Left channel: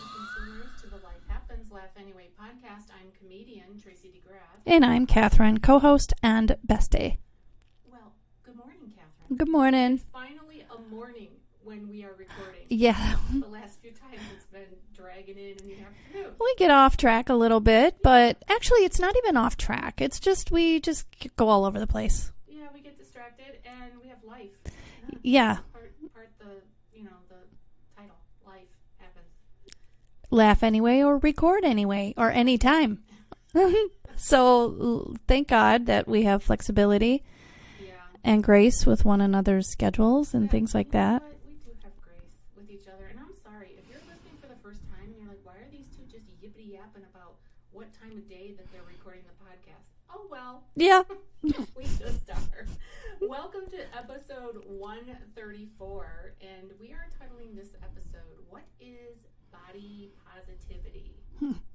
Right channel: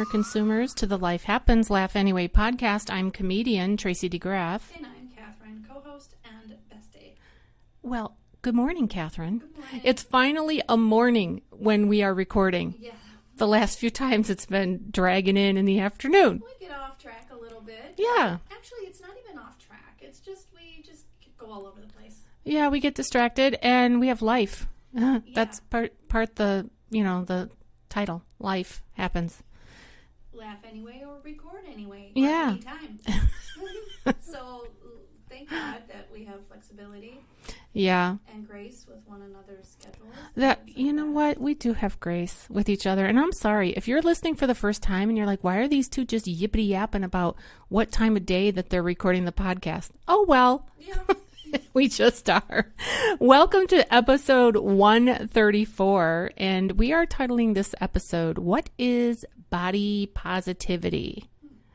humor consumers to the Life Happens, Laugh Anyway podcast. I'm comedian Tracy DeGraff. And I'm Cathrine, co-host and bestie. Well, good morning, Cathrine. Good morning. It's finally a morning when we are recording. Yeah. The last few times it's been dragging in the afternoon. We get off track a little bit, Yeah. but actually it's not even off track. It's just we just go all over the place. Yeah, we get distracted and we have life. Yeah. That's part the title. Life happens. Laugh anyway or record anyway or Yeah. anytime. So thank God that we have flexibility. Yeah. And grace with one another's schedules and things like that. You know what? We do have grace with each other. And I'm sorry, if you're listening for the first time and you're like, why are these two just yippity yapping about what time of day that they're recording the podcast? Oh, well. Yeah. We just are. Welcome to episode 134. And we are titling this episode, What is Body Positivity?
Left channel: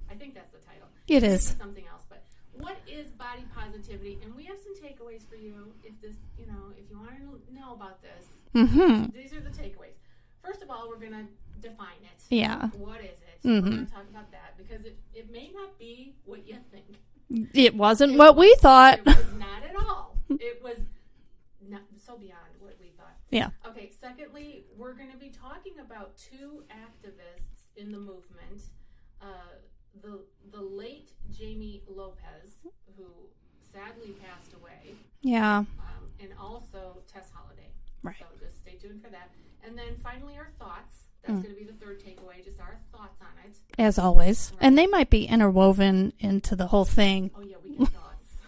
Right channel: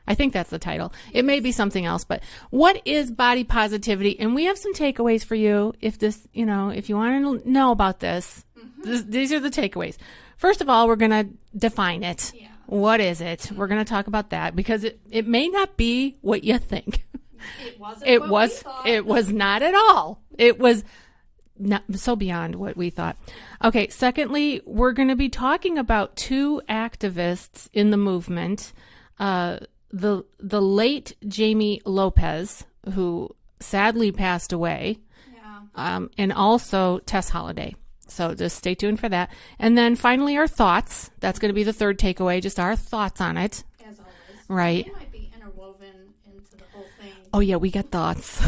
I think that's the title. It may be something else, but what is body positivity? And we have some takeaways for you if this, if you want to know about this. These are the takeaways. First of all, we're going to define it. Yeah. What is it? We're going to talk about that because it may not be what you think. It wasn't what we thought. It was not at all. It was not so beyond what we thought. Yeah. Okay. Secondly, we're going to be talking about two activists in the movement. The late Jamie Lopez, who sadly passed away. Yeah. And also Tess Holiday. Right. So just stay tuned for that. And then finally our thoughts. That's going to be the third takeaway, just our thoughts on it. As always. Right. And they might be interwoven into the whole thing. Oh yeah, we got thoughts.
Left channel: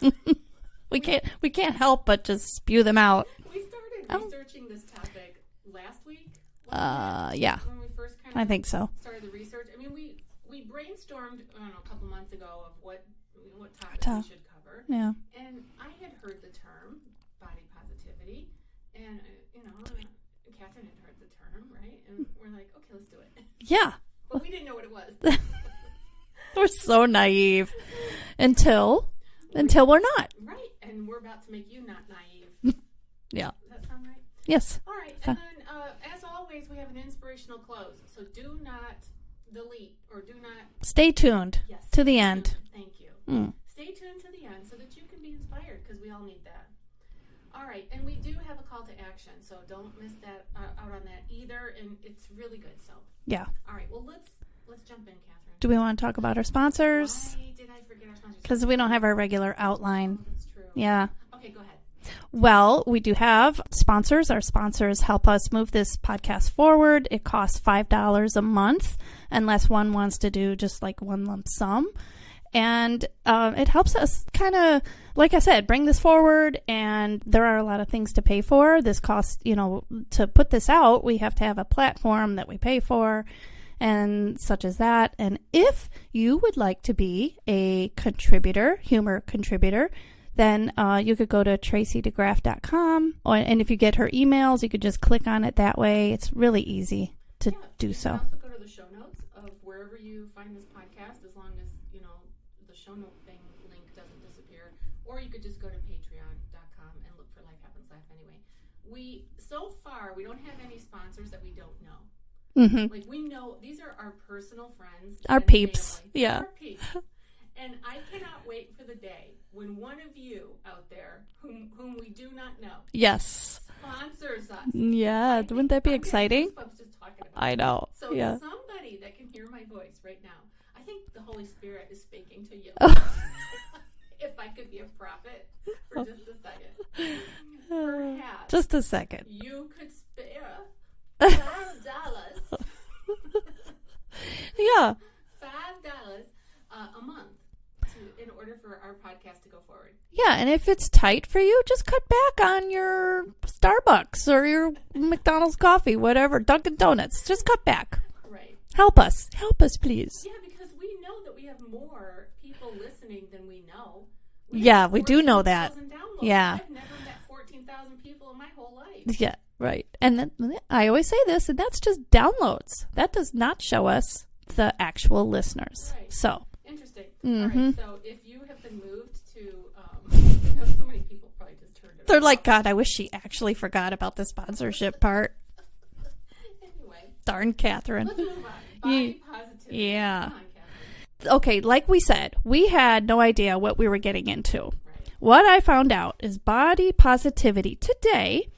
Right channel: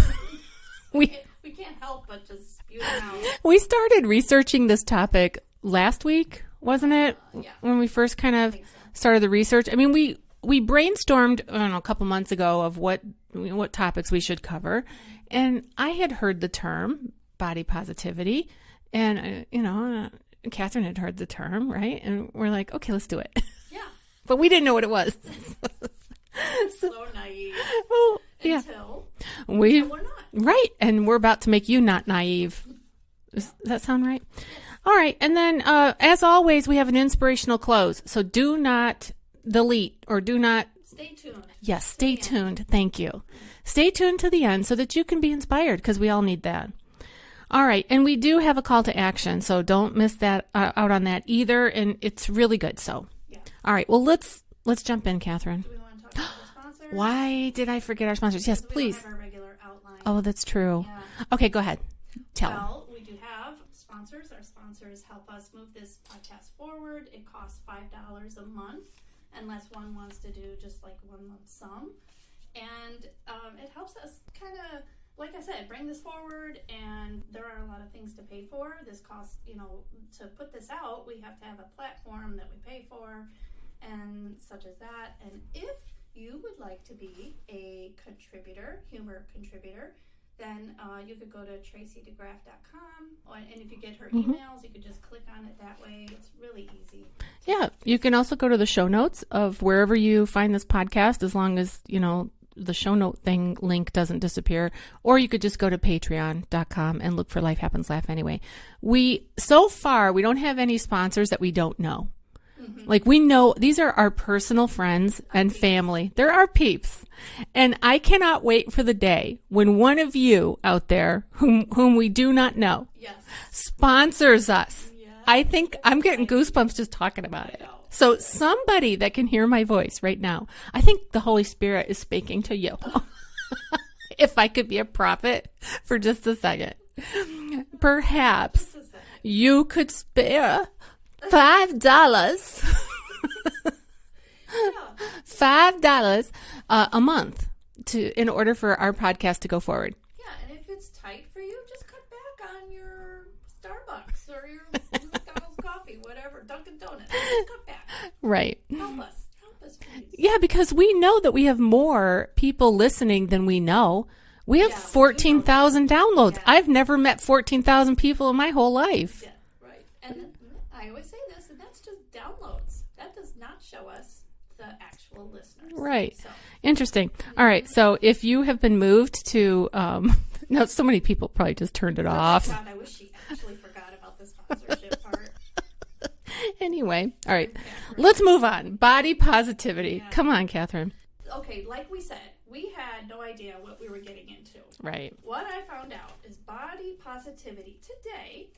We can't help but just spew them out. We started researching this topic last week, wasn't it? Yeah. When we first kind of I think so. Started the research. I mean, we brainstormed, I don't know, a couple months ago of what topics we should cover. Yeah. And I had heard the term body positivity, and Cathrine had heard the term, right? And we're like, okay, let's do it. Yeah. But we didn't know what it was. We're so naive until we're not. Right. And we're about to make you not naive. Yeah. Does that sound right? Yes. All right. And then, as always, we have an inspirational close. So do not delete or do not stay tuned. Yes, to stay the tuned. end. Thank you. Stay tuned to the end so that you can be inspired because we all need that. All right, and we do have a call to action, so don't miss that out on that either, and it's really good. So yeah. All right, well let's jump in, Cathrine. Do we want to talk about our sponsors? Why did I forget our sponsors? Because yes, we don't please. have our regular outline. Oh, that's true. Yeah. Okay, go ahead. Well, we do have sponsors. Our sponsors help us move this podcast forward. It costs $5 a month unless one wants to do just like one lump sum. And it helps us kind of, like I said, bring this forward. And there are a lot of things to pay for. This costs, to put this out, we have to have a platform that we pay for and such as that. And if you would like to be a contributor, humor contributor, then you could go to tracydegraff.com. And if you get her emails, you could just click on it that way. It's really easy to do. You can also go to the show notes of wherever you find this podcast, as long as, the show note link doesn't disappear. Or you could just go to patreon.com and look for Life Happens, Laugh Anyway. So far, we don't have any sponsors that we don't know. Mm-hmm. Like we know these are our personal friends and peeps. Family. They're our peeps. And I cannot wait for the day when one of you out there whom we do not know sponsors us. Yeah. I think I'm getting goosebumps just talking about it. I know. So somebody that can hear my voice right now, I think the Holy Spirit is speaking to you. If I could be a prophet for just a second. Perhaps. Just a second. You could spare $5. Yeah. $5 a month in order for our podcast to go forward. Yeah, and if it's tight for you, just cut back on your Starbucks or your McDonald's coffee, whatever, Dunkin' Donuts. Just cut back. Right. Help us. Help us, please. Yeah, because we know that we have more people listening than we know. We have 14,000 downloads. Yeah. I've never met 14,000 people in my whole life. Yeah, right. And then I always say this, and that's just downloads. That does not show us the actual listeners. Right. So interesting. Mm-hmm. All right. So if you have been moved to, now so many people probably just turned it off. They're like, God, I wish she actually forgot about the sponsorship part. Anyway, all right, Catherine. let's move on. Body positivity. Yeah. Come on, Catherine. Okay, like we said, we had no idea what we were getting into. Right. What I found out is body positivity today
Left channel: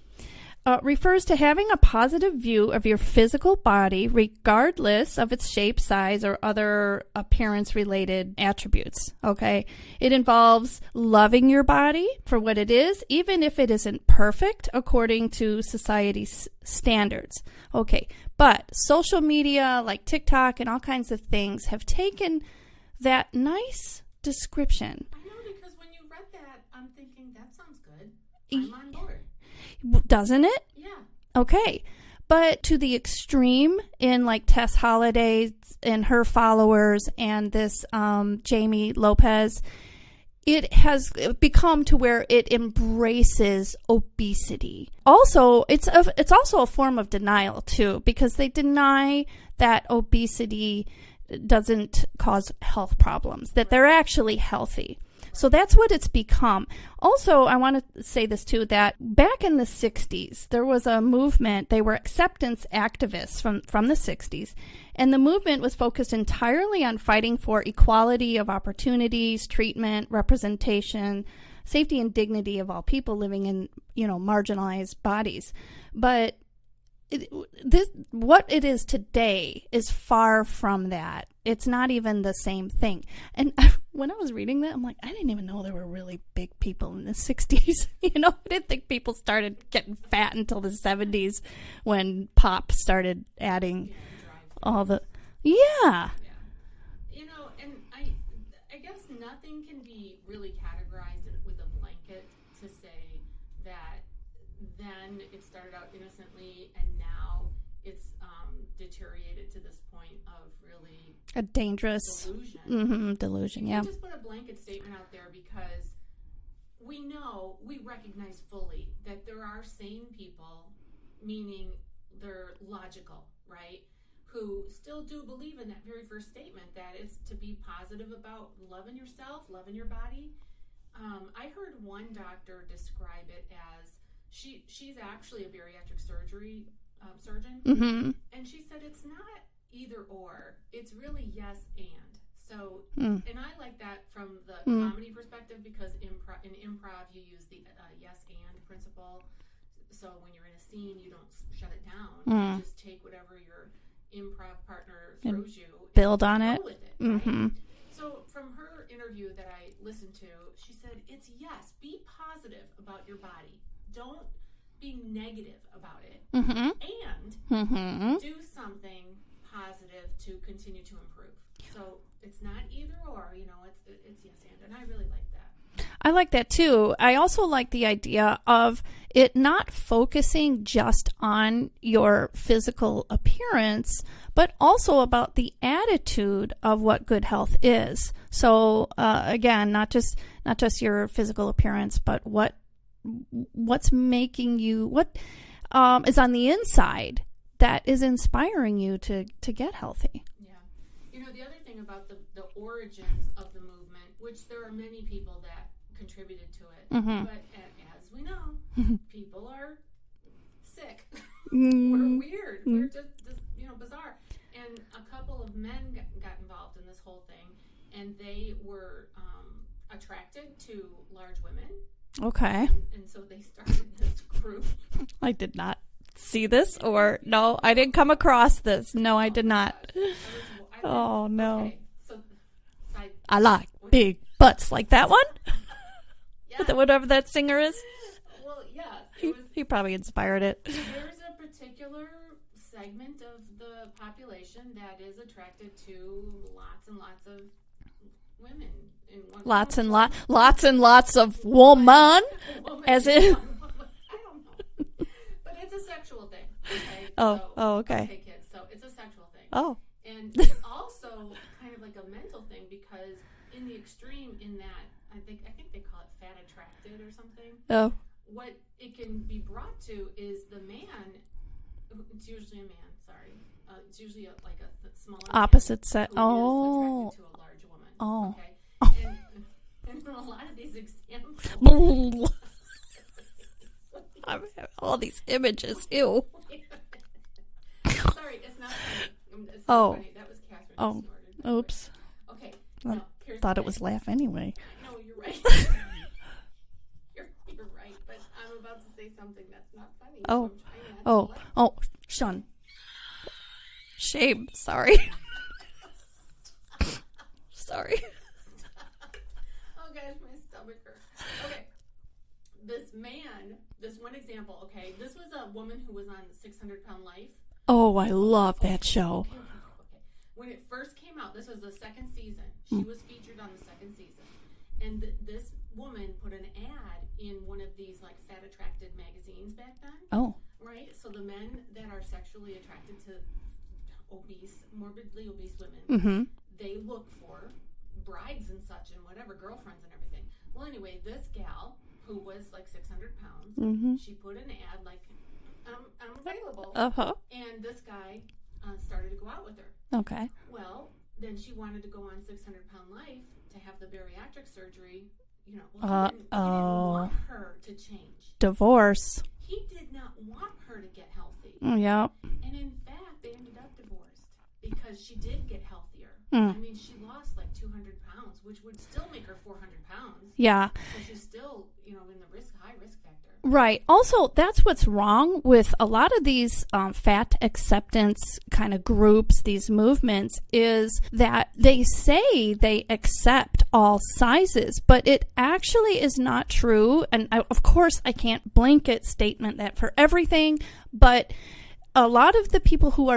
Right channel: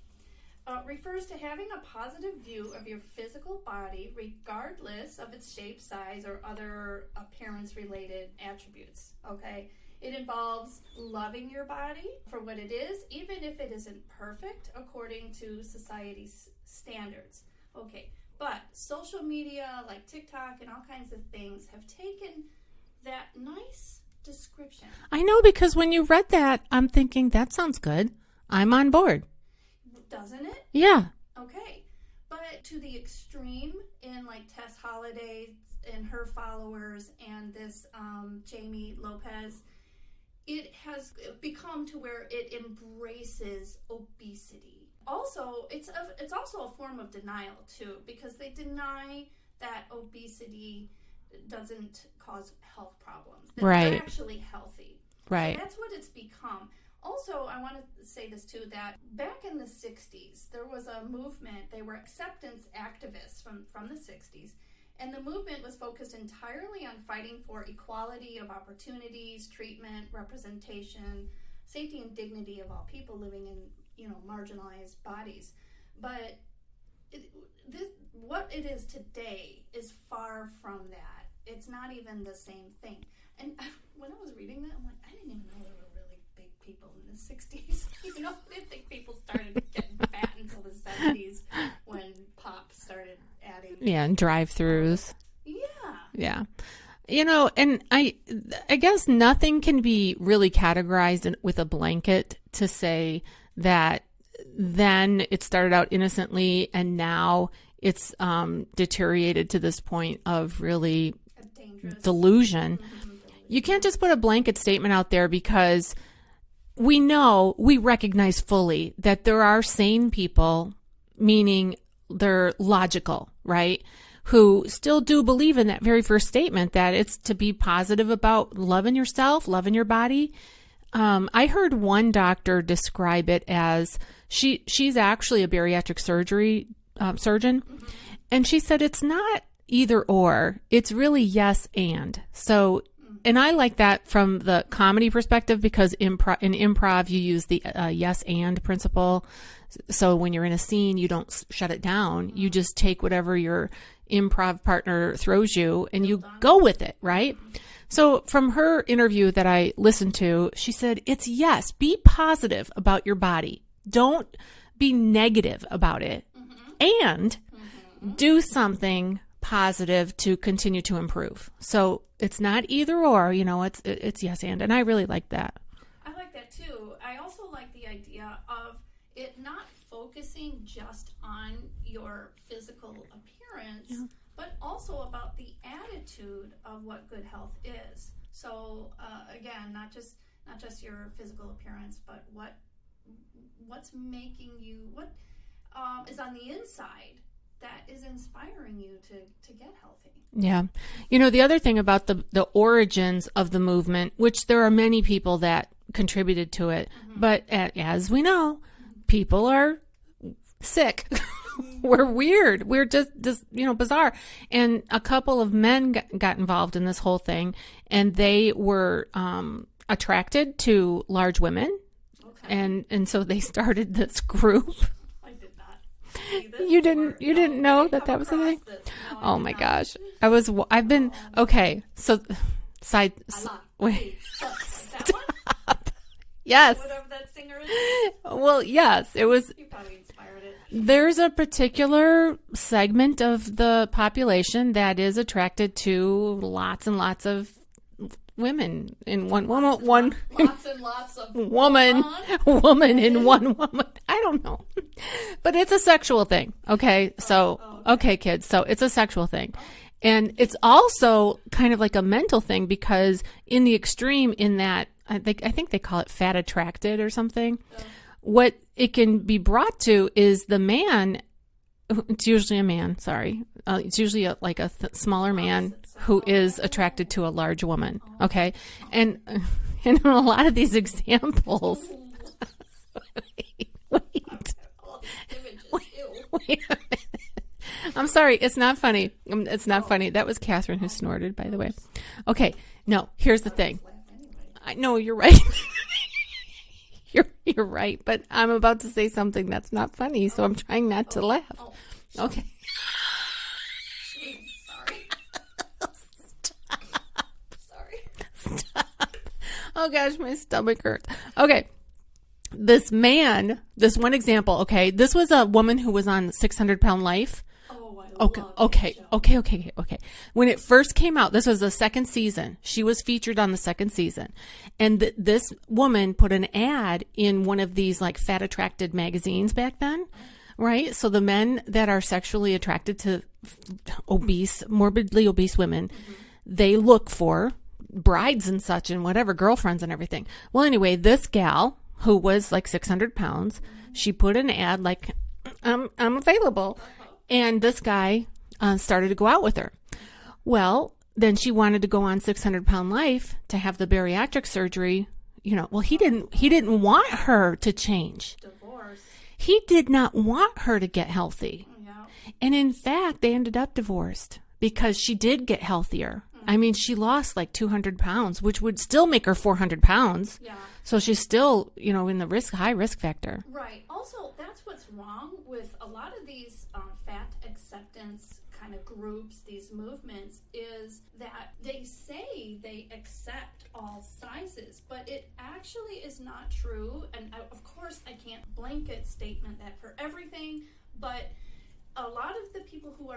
refers to having a positive view of your physical body regardless of its shape, size, or other appearance-related attributes, okay? It involves loving your body for what it is, even if it isn't perfect according to society's standards. Okay, but social media like TikTok and all kinds of things have taken that nice description. I know, because when you read that, I'm thinking, that sounds good. I'm on board. Doesn't it? Yeah. Okay. But to the extreme in like Tess Holliday and her followers and this Jamie Lopez, it has become to where it embraces obesity. Also, it's also a form of denial too, because they deny that obesity doesn't cause health problems, that they're actually healthy. Right. So that's what it's become. Also, I want to say this too, that back in the 60s, there was a movement. They were acceptance activists from the 60s. And the movement was focused entirely on fighting for equality of opportunities, treatment, representation, safety and dignity of all people living in, marginalized bodies. But what it is today is far from that. It's not even the same thing. And when I was reading that, I'm like, I didn't even know there were really big people in the 60s. I didn't think people started getting fat until the 70s when pop started adding. Yeah, and drive-thrus. Yeah. Yeah. And I guess nothing can be really categorized with a blanket to say that then it started out innocently and now it's deteriorated to this point of really a dangerous delusion. Mm-hmm, delusion. You can't just put a blanket statement out there, because we recognize fully that there are sane people, meaning they're logical, right? Who still do believe in that very first statement that it's to be positive about loving yourself, loving your body. I heard one doctor describe it as she's actually a bariatric surgery surgeon. Mm-hmm. And she said it's not either or, it's really yes and. So, and I like that from the comedy perspective, because in improv you use the yes and principle. So when you're in a scene, you don't shut it down. You just take whatever your improv partner throws you and you go with it, right? Mm-hmm. So from her interview that I listened to, she said, it's yes, be positive about your body. Don't be negative about it, and do something positive to continue to improve. So it's not either or, it's yes and I really like that. I like that too. I also like the idea of it not focusing just on your physical appearance, but also about the attitude of what good health is. So again, not just your physical appearance, but what's making you, what is on the inside that is inspiring you to get healthy. Yeah. The other thing about the origins of the movement, which there are many people that contributed to it, but as we know, people are sick. We're weird. We're just bizarre. And a couple of men got involved in this whole thing, and they were attracted to large women. Okay. And so they started this group. I did not see this. You didn't know I didn't come that was across something? this. No, I did not. Oh my gosh. I've been, okay. So I like big butts like that one. Yes. Whatever that singer is. Well, yes, it was. He probably inspired it. There's a particular segment of the population that is attracted to lots and lots of women in one. Lots and lots of woman As in one woman. I don't know, but it's a sexual thing. Okay, okay, kids. So it's a sexual thing. Oh. And it's also kind of like a mental thing, because in the extreme, in that I think they call it fat attracted or something. Oh. What it can be brought to is the man. It's usually a man. Sorry, it's usually a smaller man who is attracted to a large woman. Oh. Okay, and in a lot of these examples, all these images. Ew. I'm sorry. It's not funny. It's not funny. That was Catherine who snorted, by the way. Okay. No, here's the thing. It was laugh anyway. No, you're right. You're right. But I'm about to say something that's not funny, so I'm trying not to laugh. Oh, okay. Shame. Sorry. Sorry. Stop. Oh, gosh, my stomach hurts. Okay. This one example, okay, this was a woman who was on 600-Pound Life. Oh, I love that show. Okay. When it first came out, this was the second season. She was featured on the second season. And this woman put an ad in one of these like fat attracted magazines back then. Oh. Right? So the men that are sexually attracted to morbidly obese women, they look for brides and such and whatever, girlfriends and everything. Well, anyway, this gal who was like 600 pounds, she put an ad like, I'm available. And this guy started to go out with her. Okay. Well, then she wanted to go on 600-Pound Life to have the bariatric surgery. You know, well, he didn't want her to change. Divorce. He did not want her to get healthy. Yeah. And in fact, they ended up divorced because she did get healthier. I mean, she lost like 200 pounds, which would still make her 400 pounds. Yeah. So she's still, in the high risk factor. Right. Also, that's what's wrong with a lot of these fat acceptance kind of groups, these movements, is that they say they accept all sizes, but it actually is not true. And of course, I can't blanket statement that for everything, but a lot of the people who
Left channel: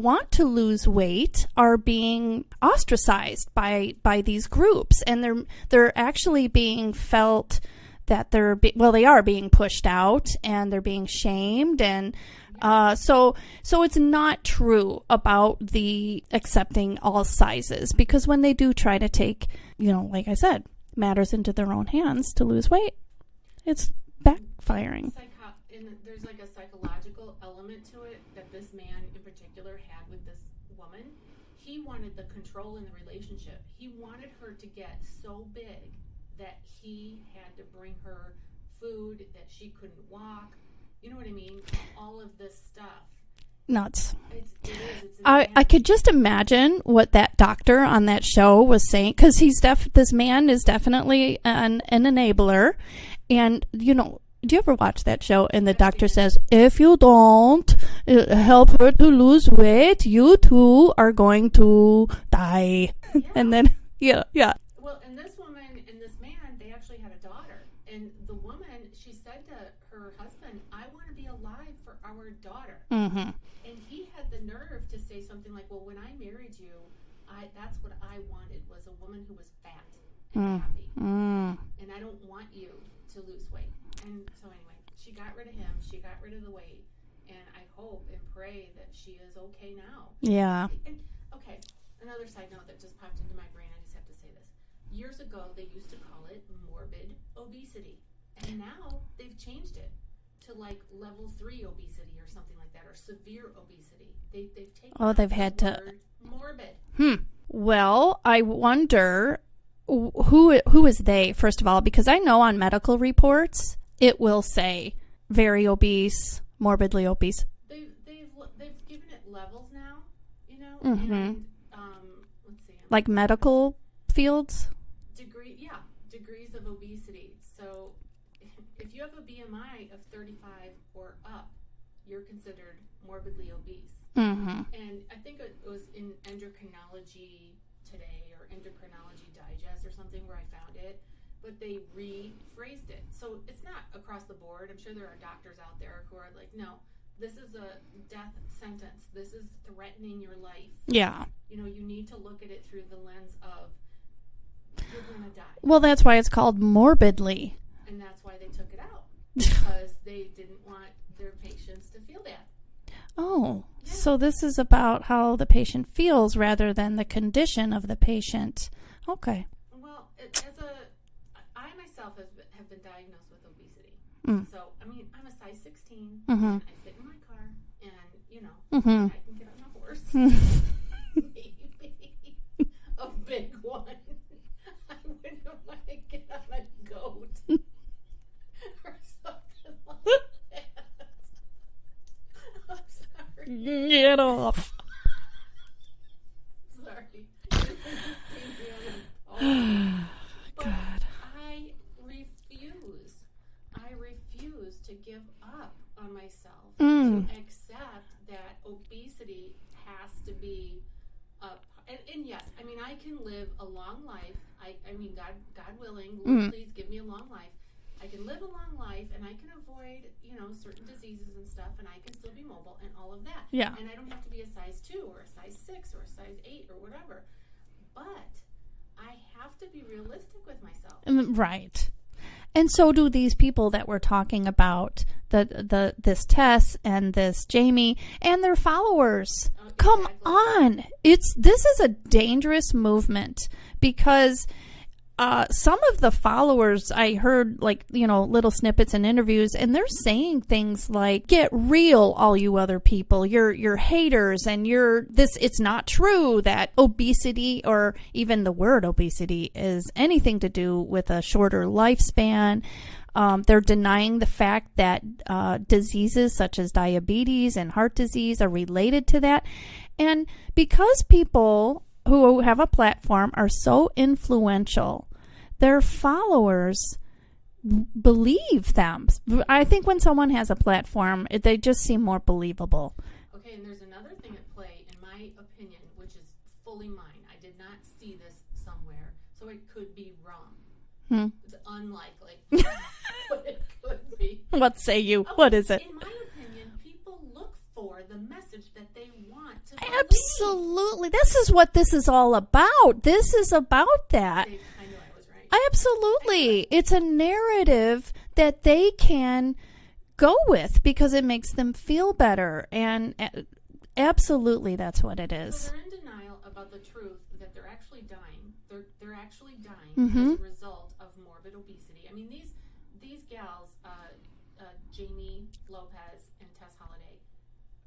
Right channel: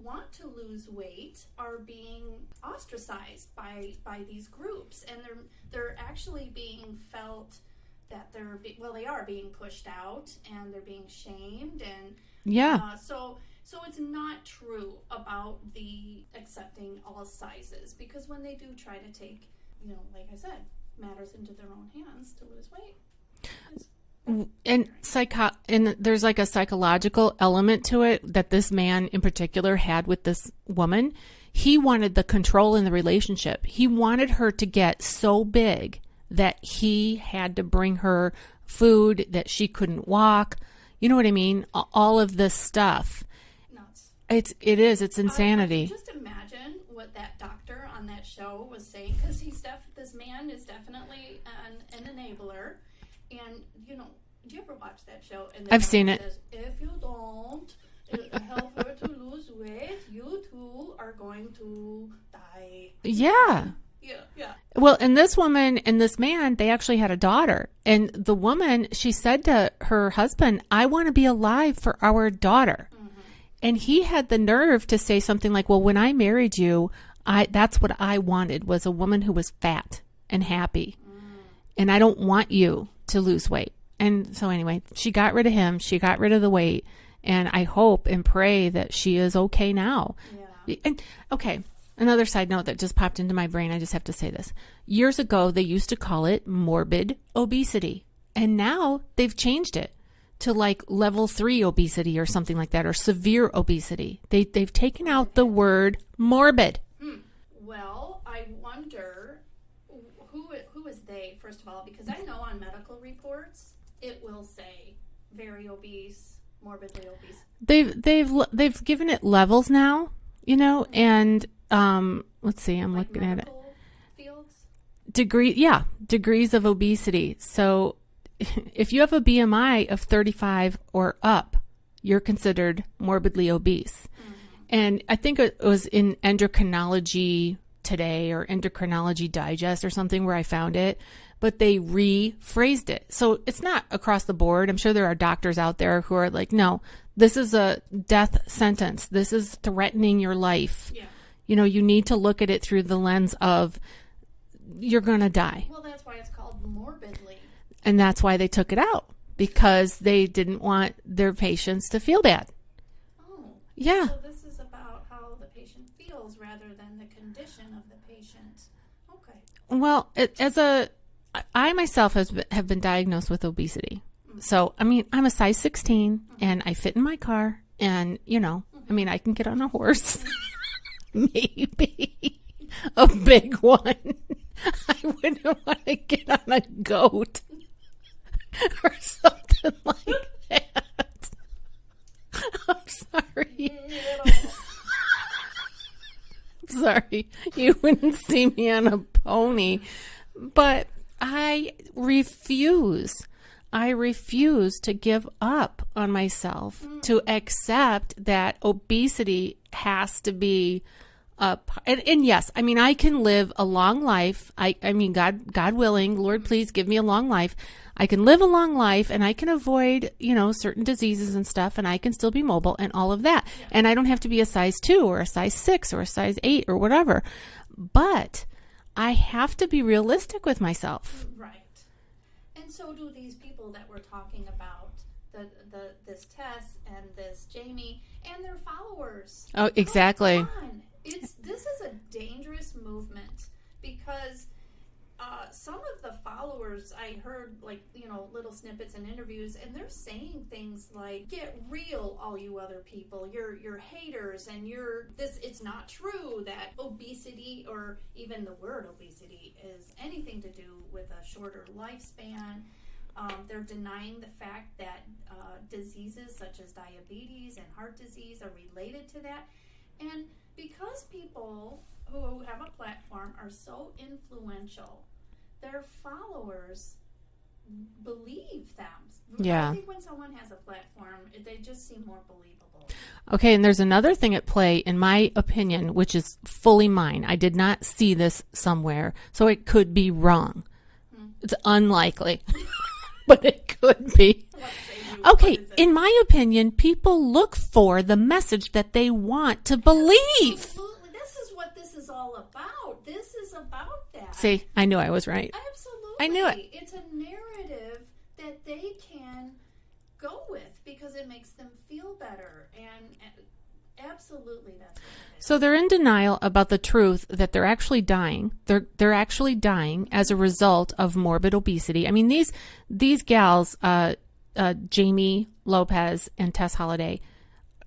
want to lose weight are being ostracized by these groups, and they're actually being felt that they are being pushed out and they're being shamed, and so it's not true about the accepting all sizes, because when they do try to take, like I said, matters into their own hands to lose weight, it's backfiring. And there's like a psychological element to it that this man in particular had with this woman. He wanted the control in the relationship. He wanted her to get so big that he had to bring her food, that she couldn't walk. You know what I mean? All of this stuff. Nuts. It's insanity. I could just imagine what that doctor on that show was saying, because this man is definitely an enabler. And, do you ever watch that show? And the doctor says, if you don't help her to lose weight, you too are going to die. Yeah. And then, yeah. Well, and this woman and this man, they actually had a daughter. And the woman, she said to her husband, I want to be alive for our daughter. Mm-hmm. And he had the nerve to say something like, well, when I married you, that's what I wanted, was a woman who was fat and happy. And I don't want you to lose weight. And so anyway, she got rid of him. She got rid of the weight. And I hope and pray that she is okay now. Yeah. And okay, another side note that just popped into my brain. I just have to say this. Years ago, they used to call it morbid obesity. And now they've changed it to like level 3 obesity or something like that, or severe obesity. They've taken out the word morbid. Well, I wonder who is they, first of all, because I know on medical reports it will say very obese, morbidly obese. They've given it levels now, and let's see, I'm like medical fields, degrees of obesity. So if you have a BMI of 35 or up, you're considered morbidly obese. And I think it was in Endocrinology Today or Endocrinology Digest or something where I found it, but they rephrased it. So it's not across the board. I'm sure there are doctors out there who are like, no, this is a death sentence. This is threatening your life. Yeah. You need to look at it through the lens of you're going to die. Well, that's why it's called morbidly. And that's why they took it out, because they didn't want their patients to feel bad. Oh, yeah. So this is about how the patient feels rather than the condition of the patient. Okay. Well, I myself have been diagnosed with obesity. So, I mean, I'm a size 16 and I fit in my car, and, I mean, I can get on a horse, maybe a big one. I wouldn't want to get on a goat or something like that. I'm sorry. Sorry, you wouldn't see me on a pony. But I refuse to give up on myself, to accept that obesity has to be and yes, I mean, I can live a long life. I mean, God willing, Lord, please give me a long life. I can live a long life and I can avoid, certain diseases and stuff, and I can still be mobile and all of that. Yeah. And I don't have to be a size 2 or a size 6 or a size 8 or whatever. But I have to be realistic with myself. Right. And so do these people that we're talking about, this Tess and this Jamie and their followers. Oh, exactly. Come on. This is a dangerous movement because some of the followers, I heard little snippets in interviews, and they're saying things like, "Get real, all you other people. You're haters, and it's not true that obesity, or even the word obesity, is anything to do with a shorter lifespan." They're denying the fact that diseases such as diabetes and heart disease are related to that. And because people who have a platform are so influential, their followers believe them. Yeah. I think when someone has a platform, they just seem more believable. Okay, and there's another thing at play, in my opinion, which is fully mine. I did not see this somewhere, so it could be wrong. It's unlikely. But it could be. What say you? Okay, What is it? In my opinion, people look for the message that they want to believe. Absolutely. This is what this is all about. This is about that. See, I knew I was right. Absolutely. I knew it. It's a narrative that they can go with because it makes them feel better. And absolutely, that's what it is. So they're in denial about the truth that they're actually dying. They're actually dying as a result of morbid obesity. I mean, these gals, Jamie Lopez and Tess Holliday.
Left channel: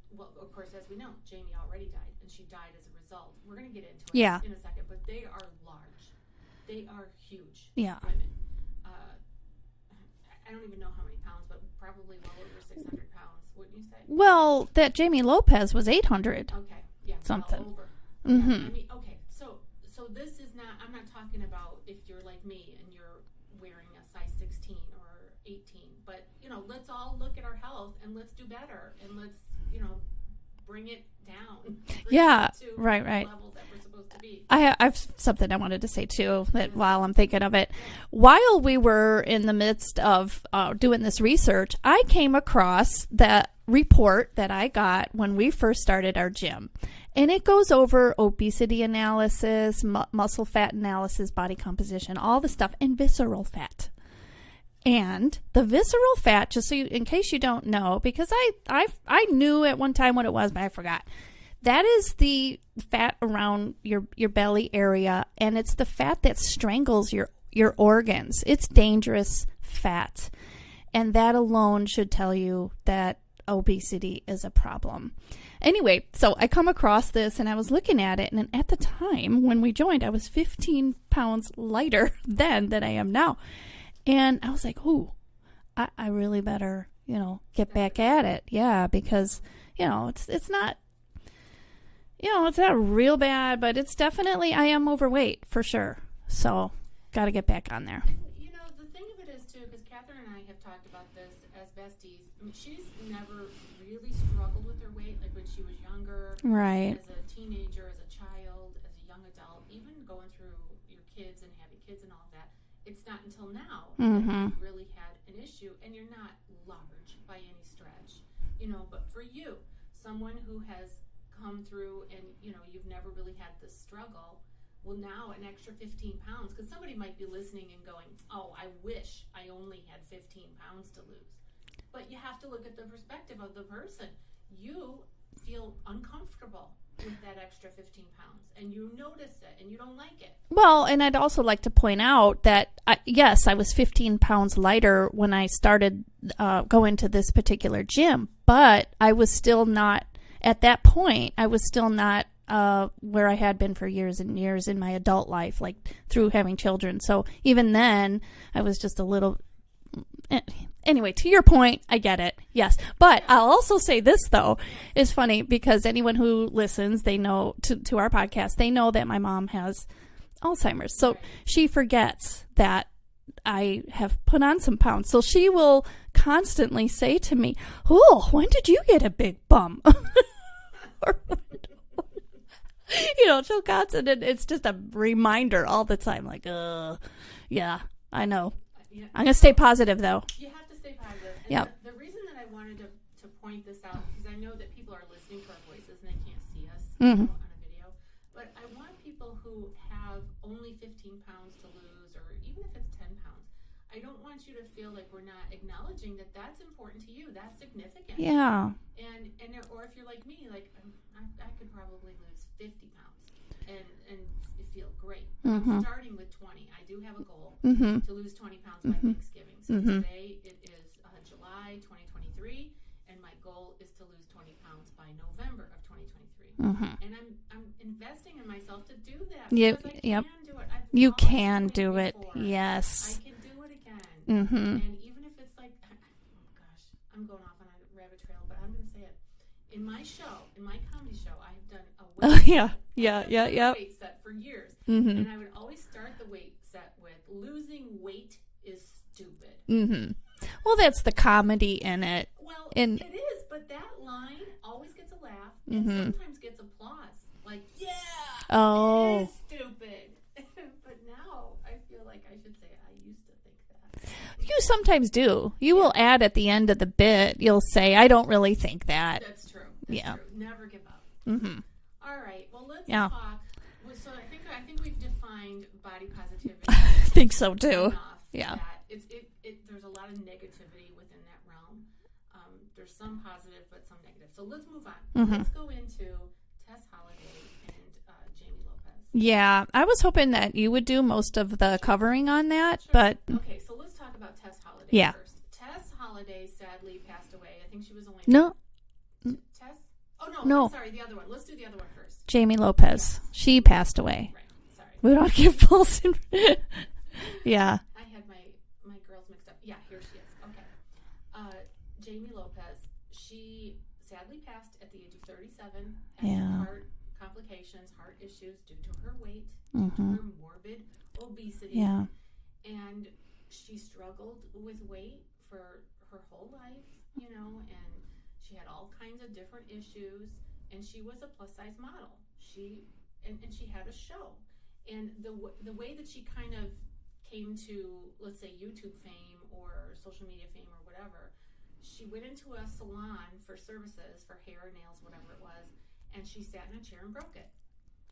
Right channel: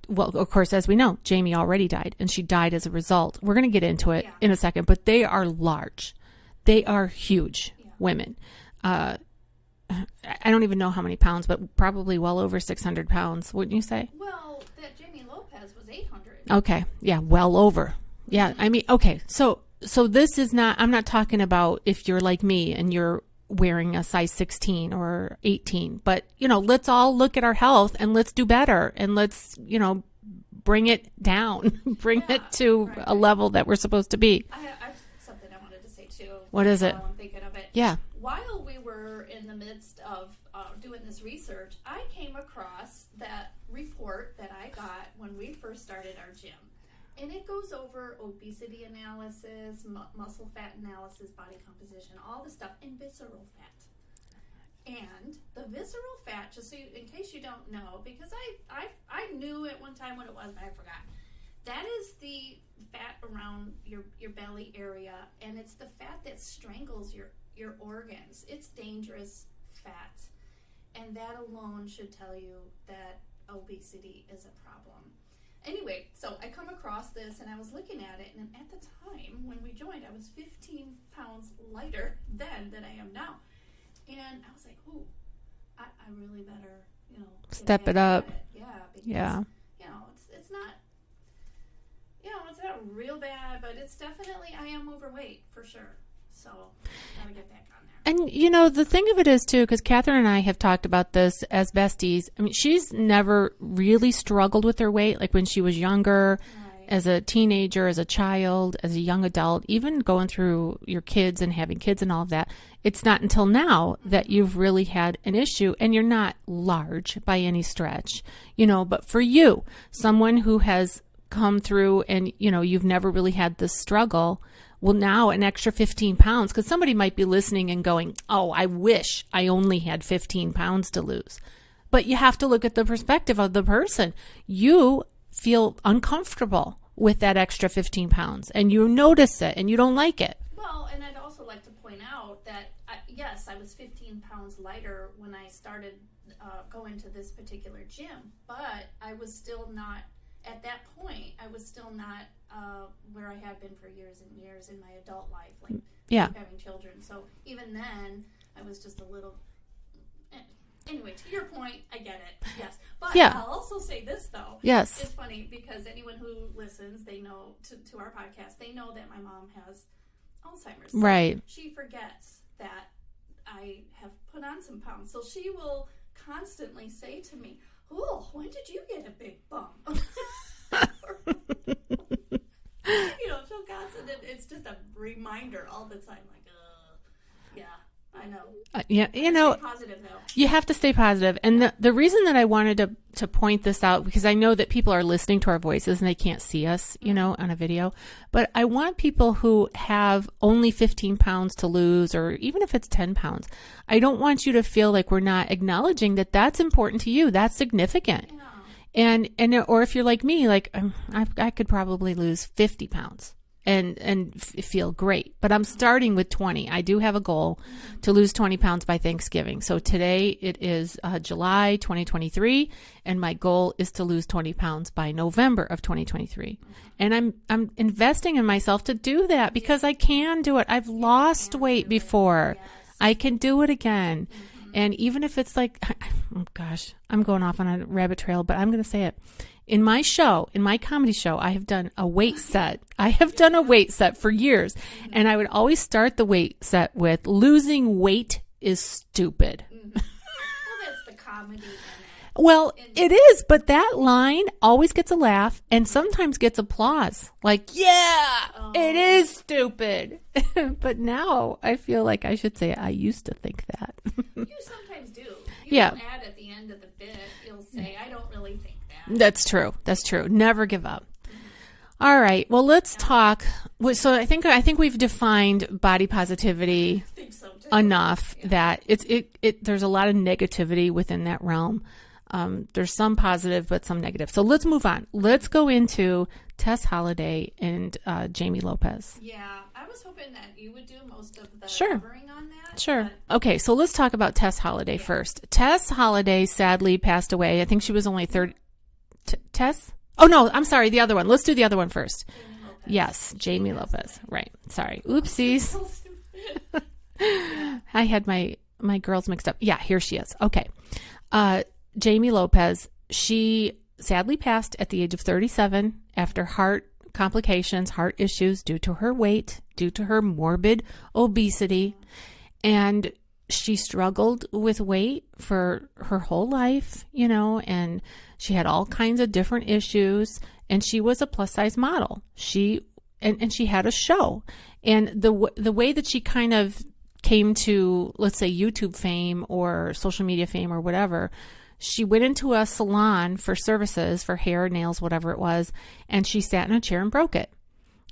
Well, of course, as we know, Jamie already died, and she died as a result. We're going to get into it in a second, but they are large. They are huge women. I don't even know how many pounds, but probably well over 600 pounds, wouldn't you say? Well, that Jamie Lopez was 800. Okay. Yeah, well over. Yeah, I mean, okay. So this is not, I'm not talking about if you're like me and you're wearing a size 16 or 18, but, let's all look at our health and let's do better, and let's, bring it down, bring it to a level that we're supposed to be. I've something I wanted to say too. What is while it? I'm thinking of it. Yeah. While we were in the midst of doing this research, I came across that report that I got when we first started our gym. And it goes over obesity analysis, muscle fat analysis, body composition, all the stuff, and visceral fat. And the visceral fat, just so in case you don't know, because I knew at one time what it was, but I forgot. That is the fat around your belly area, and it's the fat that strangles your organs. It's dangerous fat, and that alone should tell you that obesity is a problem. Anyway, so I come across this, and I was looking at it, and at the time when we joined, I was 15 pounds lighter then than I am now. And I was like, ooh, I really better, get back at it. Yeah, because, it's not, it's not real bad, but it's definitely, I am overweight for sure. So got to get back on there. And, the thing of it is, too, because Cathrine and I have talked about this as besties. I mean, she's never really struggled with her weight, like when she was younger, right? As a teenager, as a child, as a young adult, even going through your kids and having kids and all of that. It's not until now that you've really had an issue, and you're not large by any stretch, but for you, someone who has come through and, you've never really had this struggle. Well, now an extra 15 pounds, because somebody might be listening and going, oh, I wish I only had 15 pounds to lose. But you have to look at the perspective of the person. You feel uncomfortable with that extra 15 pounds, and you notice it, and you don't like it. Well, and I'd also like to point out that, yes, I was 15 pounds lighter when I started going to this particular gym, but I was still not, at that point, I was still not where I had been for years and years in my adult life, like through having children. So even then, I was just a little... anyway, to your point, I get it. Yes. But Yeah. I'll also say this, though. Yes. It's funny because anyone who listens, they know to our podcast, they know that my mom has Alzheimer's. So Right. she forgets that I have put on some pounds. So she will constantly say to me, "Oh, when did you get a big bum?" She'll constantly, it's just a reminder all the time. Like, yeah, I know. Yeah, I gotta stay positive, though. You have to stay positive. And Yeah. the reason that I wanted to point this out, because I know that people are listening to our voices and they can't see us, on a video. But I want people who have only 15 pounds to lose, or even if it's 10 pounds, I don't want you to feel like we're not acknowledging that that's important to you. That's significant. Yeah. And or if you're like me, like I could probably lose 50 pounds. And feel great. But I'm starting with 20. I do have a goal to lose 20 pounds by Thanksgiving. So today it is July 2023, and my goal is to lose 20 pounds by November of 2023. And I'm investing in myself to do that because I can do it. I've lost weight before. Yes. I can do it again. And even if it's like, oh gosh, I'm going off on a rabbit trail, but I'm going to say it. In my comedy show, I have done a weight set. I have done a weight set for years. And I would always start the weight set with, losing weight is stupid. Well, that's the comedy in it. Well, it is, but that line always gets a laugh and sometimes gets applause. Like, it is stupid. But now I feel like I should say I used to think that. You sometimes do. You will add at the end of the bit, you'll say, I don't really think that. That's true. That's true. Never give up. All right. Well, let's talk. So I think we've defined body positivity. I think so too. Enough that there's a lot of negativity within that realm. There's some positive, but some negative. So let's move on. Let's go into Tess Holliday and Jamie Lopez. Yeah, I was hoping that you would do most of the covering on that. Sure. But okay, so let's talk about Tess Holliday first. Tess Holliday sadly passed away. I think she was only 30. Tess? Oh, no, I'm sorry. The other one. Let's do the other one first. Jamie Lopez. Yes. She Jamie passed Lopez. away. Right. Sorry. Yeah. I had my girls mixed up. Yeah, here she is. Okay. Jamie Lopez, she sadly passed at the age of 37 after heart complications, heart issues due to her weight, due to her morbid obesity. Yeah. And she struggled with weight for her whole life, and she had all kinds of different issues, and she was a plus size model. She had a show, and the way that she kind of came to, let's say, YouTube fame or social media fame or whatever, she went into a salon for services for hair, nails, whatever it was, and she sat in a chair and broke it.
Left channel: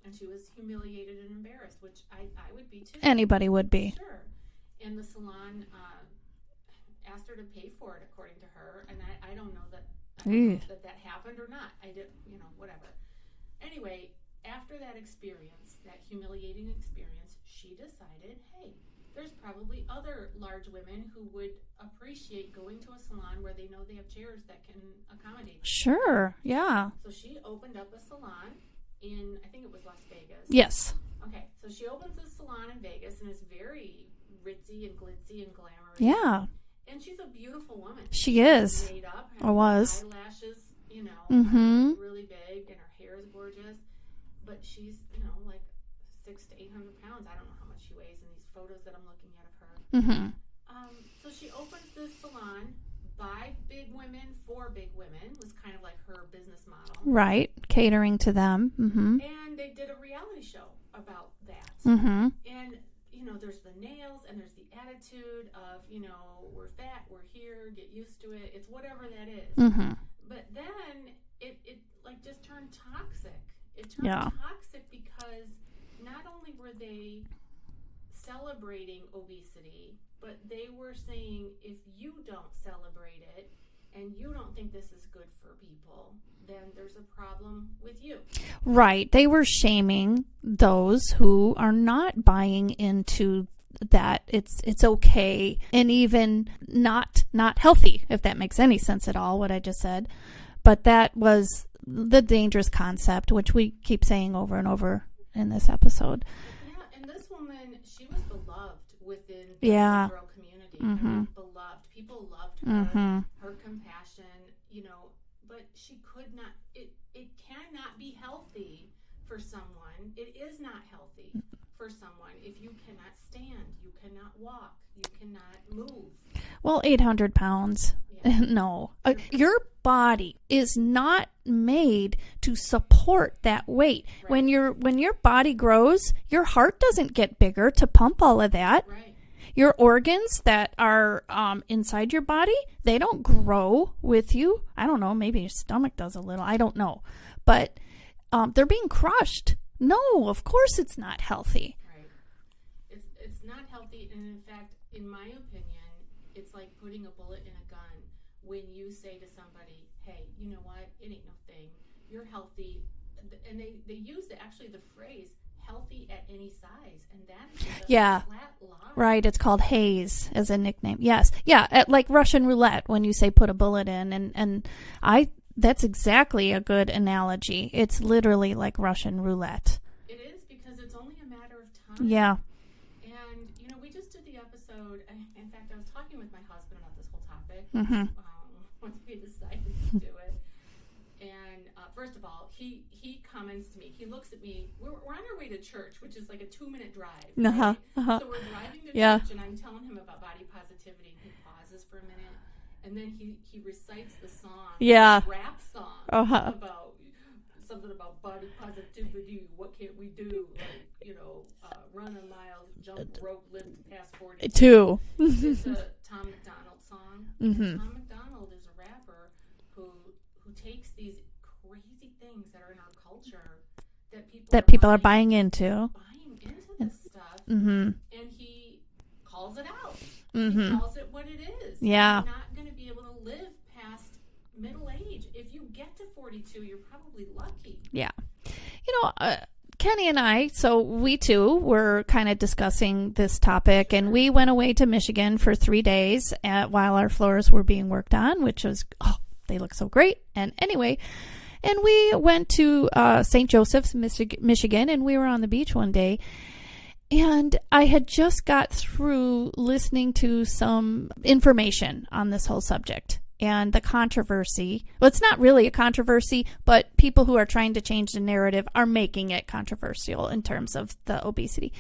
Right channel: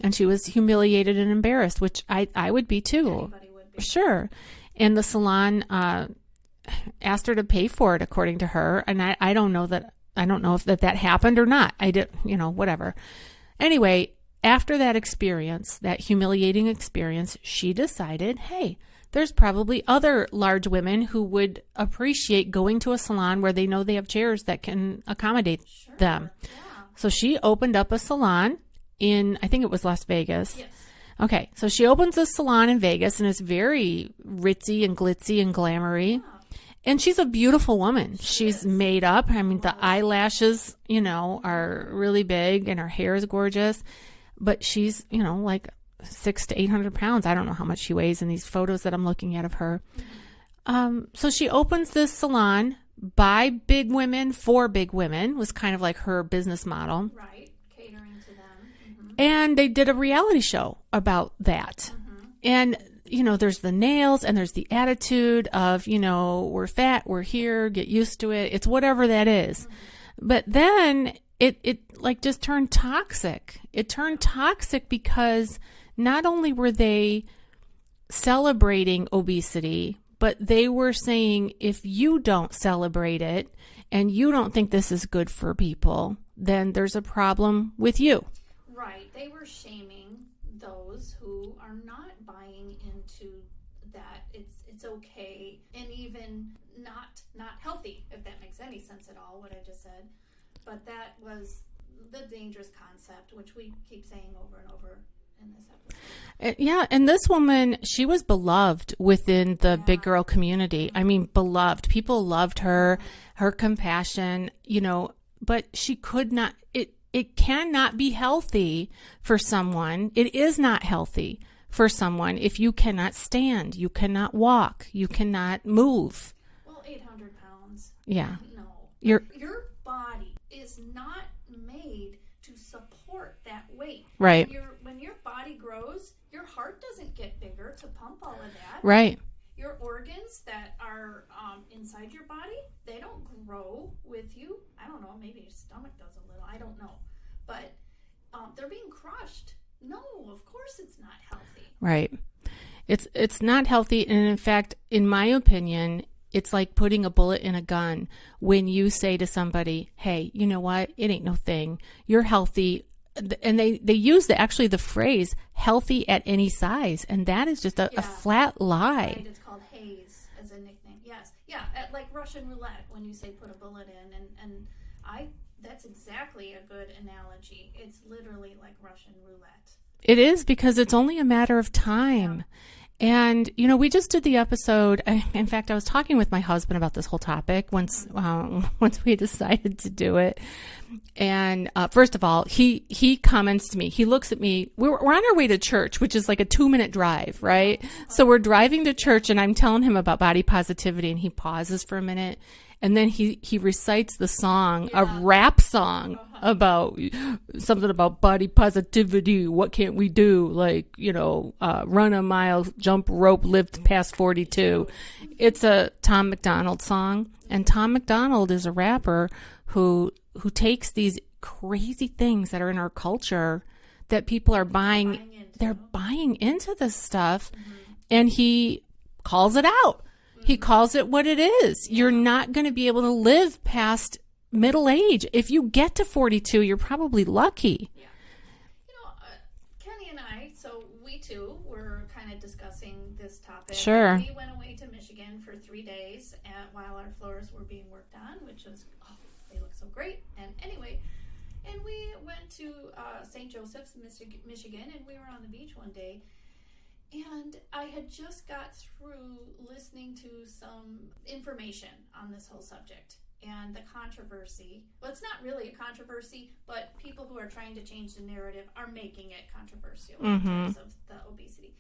And she was humiliated and embarrassed, which I would be too. Anybody would be. Sure. And the salon asked her to pay for it, according to her. And I don't know that. I don't know if that happened or not. I did, whatever. Anyway, after that experience, that humiliating experience, she decided, hey, there's probably other large women who would appreciate going to a salon where they know they have chairs that can accommodate them. Yeah. So she opened up a salon in, I think it was Las Vegas. Yes. Okay. So she opens a salon in Vegas, and it's very ritzy and glitzy and glamoury. Yeah. And she's a beautiful woman. She's made up. I mean, the eyelashes, are really big, and her hair is gorgeous. But she's, like 600 to 800 pounds. I don't know how much she weighs in these photos that I'm looking at of her. So she opens this salon by big women for big women, was kind of like her business model. Right. Catering to them. And they did a reality show about that. And there's the nails and there's the attitude of, we're fat, we're here, get used to it. It's whatever that is. But then it like just turned toxic. It turned toxic because not only were they celebrating obesity, but they were saying, if you don't celebrate it and you don't think this is good for people, then there's a problem with you. Right. They were shaming those who are not buying into that it's okay and even not healthy, if that makes any sense at all, what I just said. But that was the dangerous concept, which we keep saying over and over in this episode. Yeah, and this woman, she was beloved within the big girl community. I mean, beloved. People loved her, her compassion, but she could not, it cannot be healthy for someone. It is not healthy for someone if you cannot stand, you cannot walk, you cannot move. Well, 800 pounds. Yeah. No. Your body is not made to support that weight. Right. When your body grows, your heart doesn't get bigger to pump all of that. Right. Your organs that are inside your body, they don't grow with you. I don't know. Maybe your stomach does a little. I don't know. But they're being crushed. No, of course it's not healthy. Right. It's not healthy. And in fact, in my opinion, it's like putting a bullet in a gun when you say to somebody, hey, you know what? It ain't no thing. You're healthy. And they use the phrase healthy at any size. And that is just a flat lie. Right. It's called haze as a nickname. Yes. Yeah. Like Russian roulette when you say put a bullet in. And that's exactly a good analogy. It's literally like Russian roulette. It is, because it's only a matter of time. Yeah. And, we just did the episode. In fact, I was talking with my husband about this whole topic once we decided to do it. And first of all, he comments to me. He looks at me. We're on our way to church, which is like a 2-minute drive, right? So we're driving to church, and I'm telling him about body positivity, and he pauses for a minute. And then he recites the song, a rap song about something about body positivity. What can't we do? Like, run a mile, jump rope, lift past 42. It's a Tom McDonald song. And Tom McDonald is a rapper who takes these crazy things that are in our culture that people are buying into. They're buying into this stuff. And he calls it out. He calls it what it is. Yeah. You're not going to be able to live past middle age. If you get to 42, you're probably lucky. Yeah. Kenny and I, so we too were kind of discussing this topic. Sure. And we went away to Michigan for 3 days while our floors were being worked on, which was, they look so great. And anyway, and we went to St. Joseph's, Michigan, and we were on the beach one day. And I had just got through listening to some information on this whole subject and the controversy. Well, it's not really a controversy, but people who are trying to change the narrative are making it controversial in terms of the obesity.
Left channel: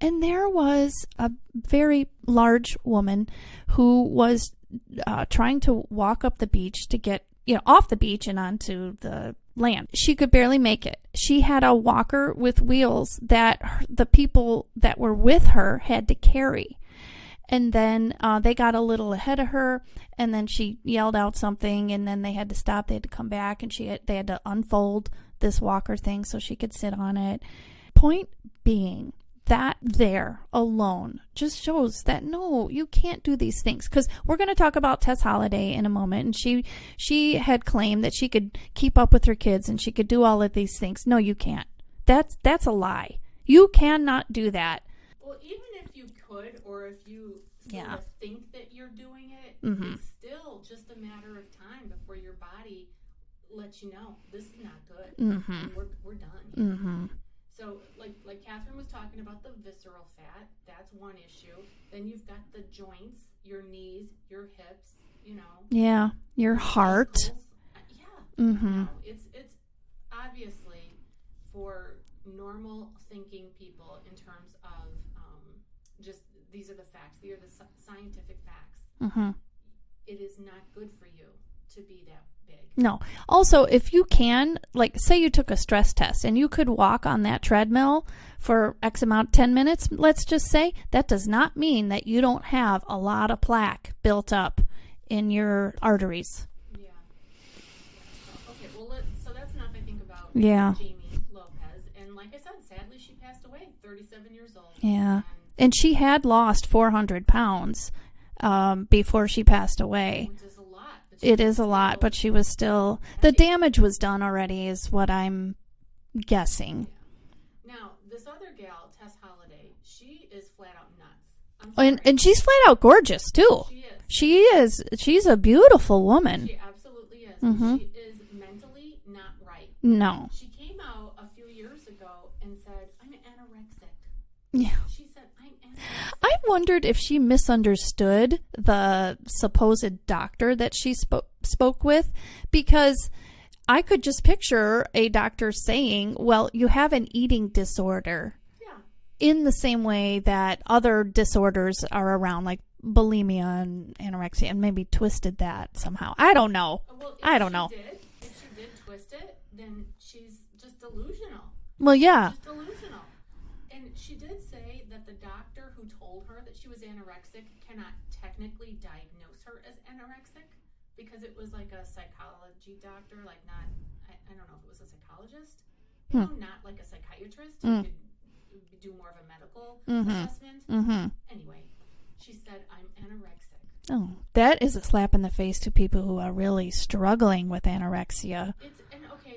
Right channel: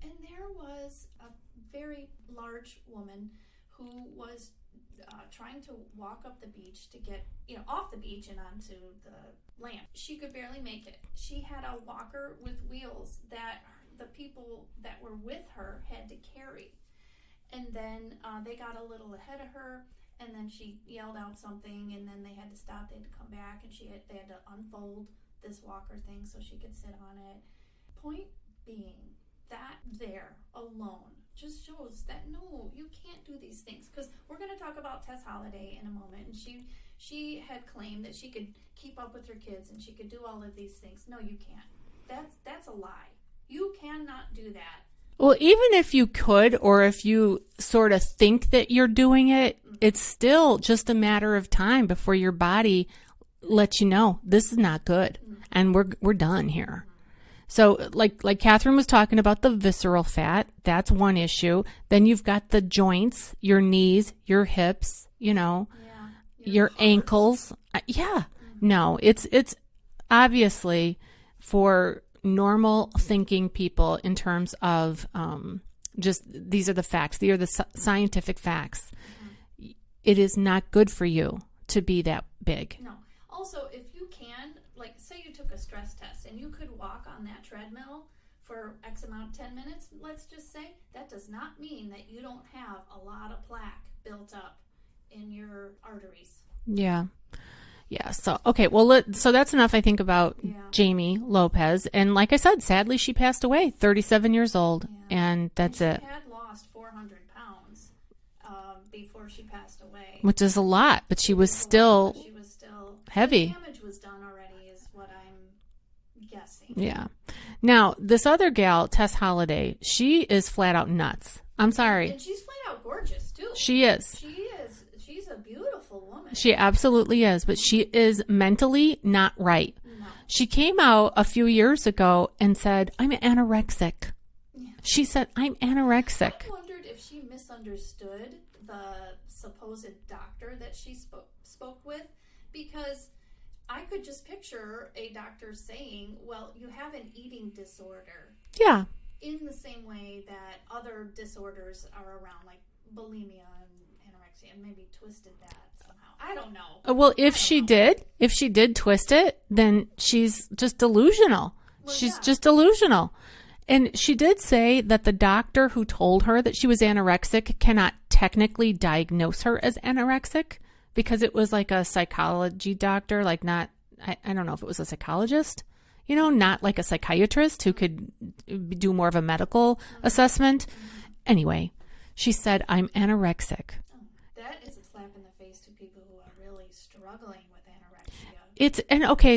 And there was a very large woman who was trying to walk up the beach to get off the beach and onto the land. She could barely make it. She had a walker with wheels that the people that were with her had to carry. And then they got a little ahead of her, and then she yelled out something, and then they had to stop. They had to come back, and they had to unfold this walker thing so she could sit on it. Point being, that there alone just shows that no, you can't do these things. Because we're going to talk about Tess Holliday in a moment, and she had claimed that she could keep up with her kids and she could do all of these things. No, you can't. That's a lie. You cannot do that. Well, even if you could, or if you sort of think that you're doing it, it's still just a matter of time before your body lets you know this is not good, and we're done here. So like Catherine was talking about the visceral fat, that's one issue. Then you've got the joints, your knees, your hips, your heart. ankles. No, it's obviously for normal thinking people in terms of just these are the facts. These are the scientific facts. It is not good for you to be that big. No. Also, if you can, like, say you took a stress test and you could walk on that treadmill for X amount, 10 minutes, let's just say, that does not mean that you don't have a lot of plaque built up in your arteries. Yeah. So, okay. Well, so that's enough, I think, about Jamie Lopez. And like I said, sadly, she passed away, 37 years old. Yeah. And she had lost 400 pounds before she passed away, which is a lot, but she was still heavy. The damage was done already, is what I'm guessing. Yeah. Now, this other gal, Tess Holliday, she is flat out nuts. I'm sorry. And she's flat out gorgeous, too. She is. She is. She's a beautiful woman. She absolutely is, but she is mentally not right. No. She came out a few years ago and said, I'm anorexic. Yeah. She said, I'm anorexic. I wondered if she misunderstood the supposed doctor that she spoke with, because I could just picture a doctor saying, well, you have an eating disorder. Yeah. In the same way that other disorders are around, like bulimia and anorexia, and maybe twisted that somehow. I don't know. Well, if she did twist it, then she's just delusional. Well, she's yeah. just delusional. And she did say that the doctor who told her that she was anorexic cannot technically diagnose her as anorexic because it was like a psychology doctor, like not, I don't know if it was a psychologist. You know, not like a psychiatrist who could do more of a medical assessment. Anyway, she said, I'm anorexic. Oh, that is a slap in the face to people who are really struggling with anorexia.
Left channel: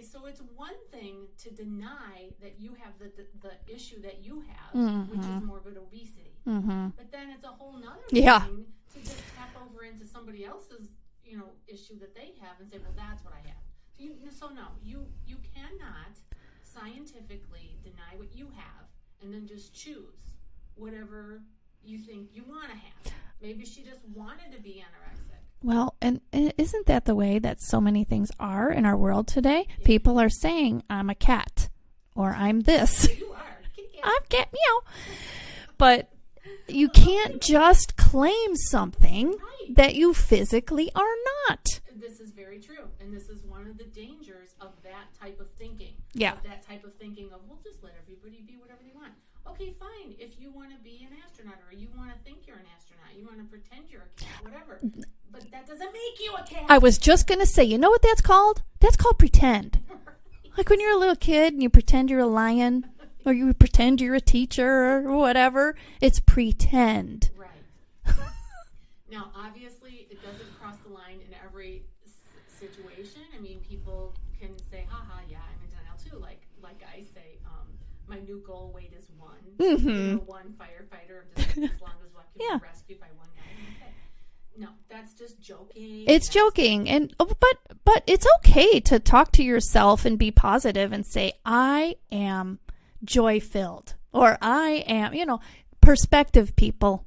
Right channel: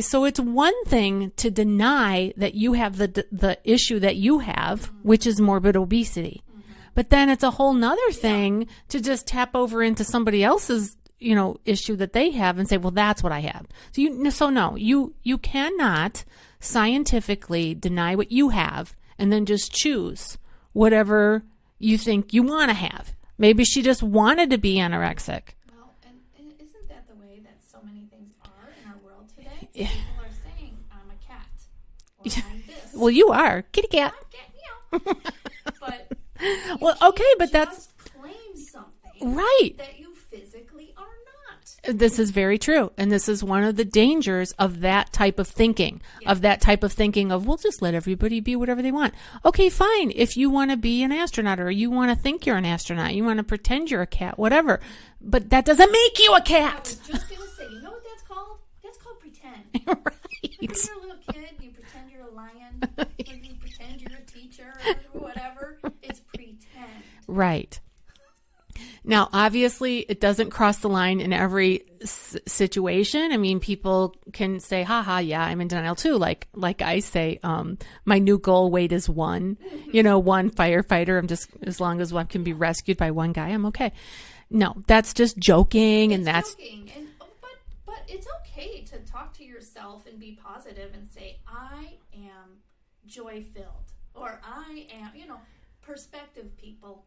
So it's one thing to deny that you have the issue that you have, which is morbid obesity. But then it's a whole nother thing to just tap over into somebody else's, issue that they have and say, well, that's what I have. So you cannot scientifically deny what you have and then just choose whatever you think you want to have. Maybe she just wanted to be anorexic. Well, and isn't that the way that so many things are in our world today? Yeah. People are saying, I'm a cat, or I'm this. Well, you are. Kitty cat. I'm cat, meow. But you can't just claim something that you physically are not. This is very true. And this is one of the dangers of that type of thinking, of, we'll just let everybody be whatever they want. Okay, fine. If you want to be an astronaut or you want to think you're an astronaut, you want to pretend you're a cat, whatever. But that doesn't make you a cat. I was just going to say, you know what that's called? That's called pretend. Like when you're a little kid and you pretend you're a lion or you pretend you're a teacher or whatever. It's pretend. Right. Now, obviously, it doesn't cross the line in every situation. I mean, people can say, yeah, I'm in denial too. Like I say, my new goal weight is 1. One firefighter. I'm just, as long as one can be rescued by one guy, I'm okay. No, that's just joking. It's joking. But it's okay to talk to yourself and be positive and say, I am joy-filled. Or I am, perspective, people.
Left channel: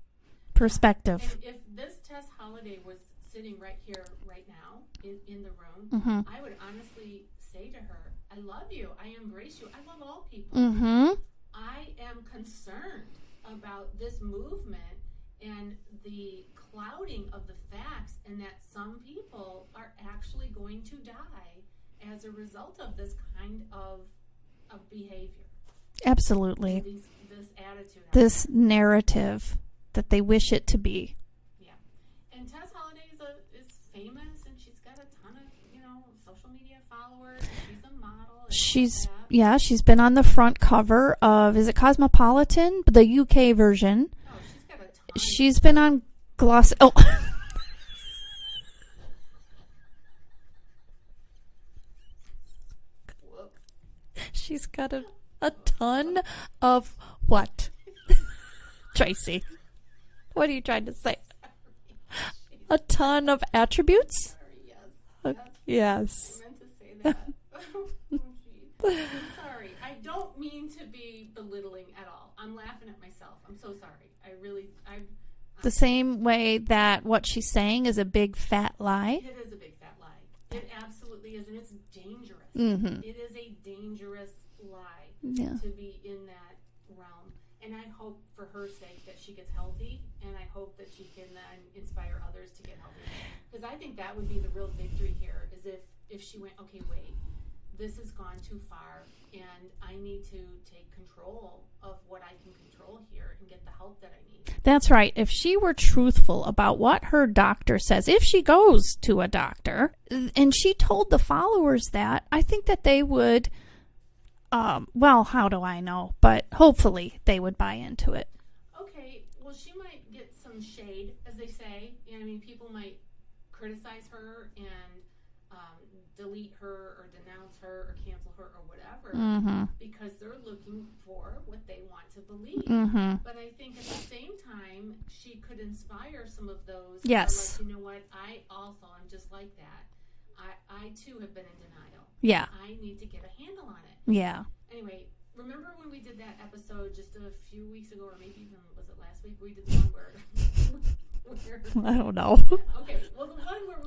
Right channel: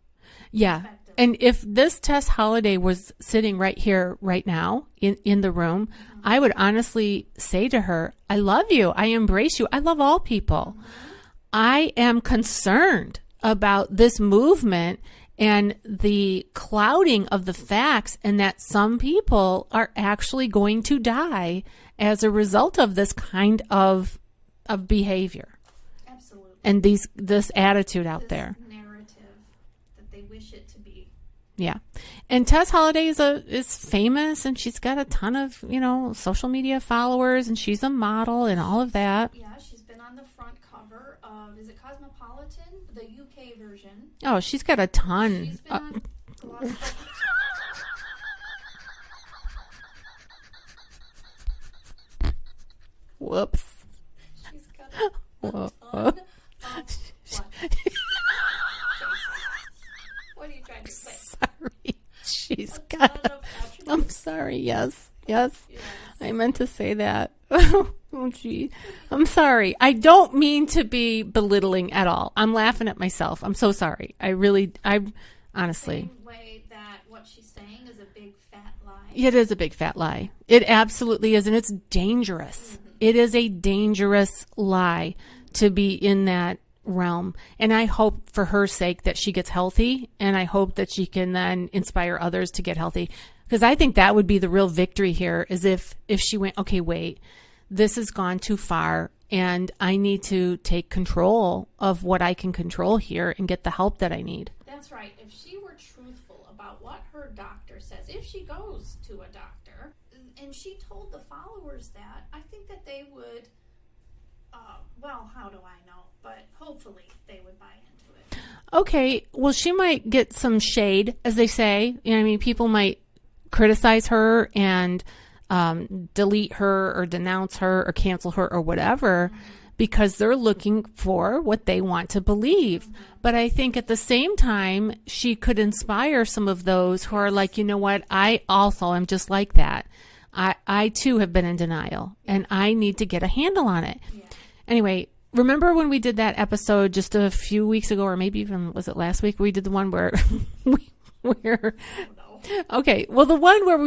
Perspective. Yeah. And if this Tess Holiday was sitting right here, right now, in the room, I would honestly say to her, I love you. I embrace you. I love all people. I am concerned about this movement and the clouding of the facts, and that some people are actually going to die as a result of this kind of behavior. Absolutely. And this attitude out there. This narrative that they wish it to be. Yeah. And Tess Holiday is famous, and she's got a ton of, social media followers, and she's a model and all of that. Yeah, she's been on the front cover of, is it Cosmopolitan? The UK version. Oh, she's got a ton. She's been on Gloss. Oh. Whoops. She's got a ton of what? Tracy. What are you trying to say? Sorry. A ton of attributes? I'm sorry. Yes. I meant to say that. Oh, gee. I'm sorry. I don't mean to be belittling at all. I'm laughing at myself. I'm so sorry. Honestly. The same way that what she's saying is a big fat lie. It is a big fat lie. It absolutely is. And it's dangerous. It is a dangerous lie to be in that realm. And I hope for her sake that she gets healthy, and I hope that she can then inspire others to get healthy, because I think that would be the real victory here, is if she went, okay, wait, this has gone too far and I need to take control of what I can control here and get the help that I need. That's right. If she were truthful about what her doctor says, if she goes to a doctor and she told the followers that, I think that they would well, how do I know? But hopefully they would buy into it. Okay. Well, she might get some shade, as they say. People might criticize her and delete her or denounce her or cancel her or whatever, because they're looking for what they want to believe. But I think at the same time, she could inspire some of those who are like, you know what, I also am just like that. I too have been in denial. Yeah. And I need to get a handle on it. Yeah. Anyway, remember when we did that episode just a few weeks ago, or maybe even, was it last week? We did the one where I don't know. Okay. Well, the one where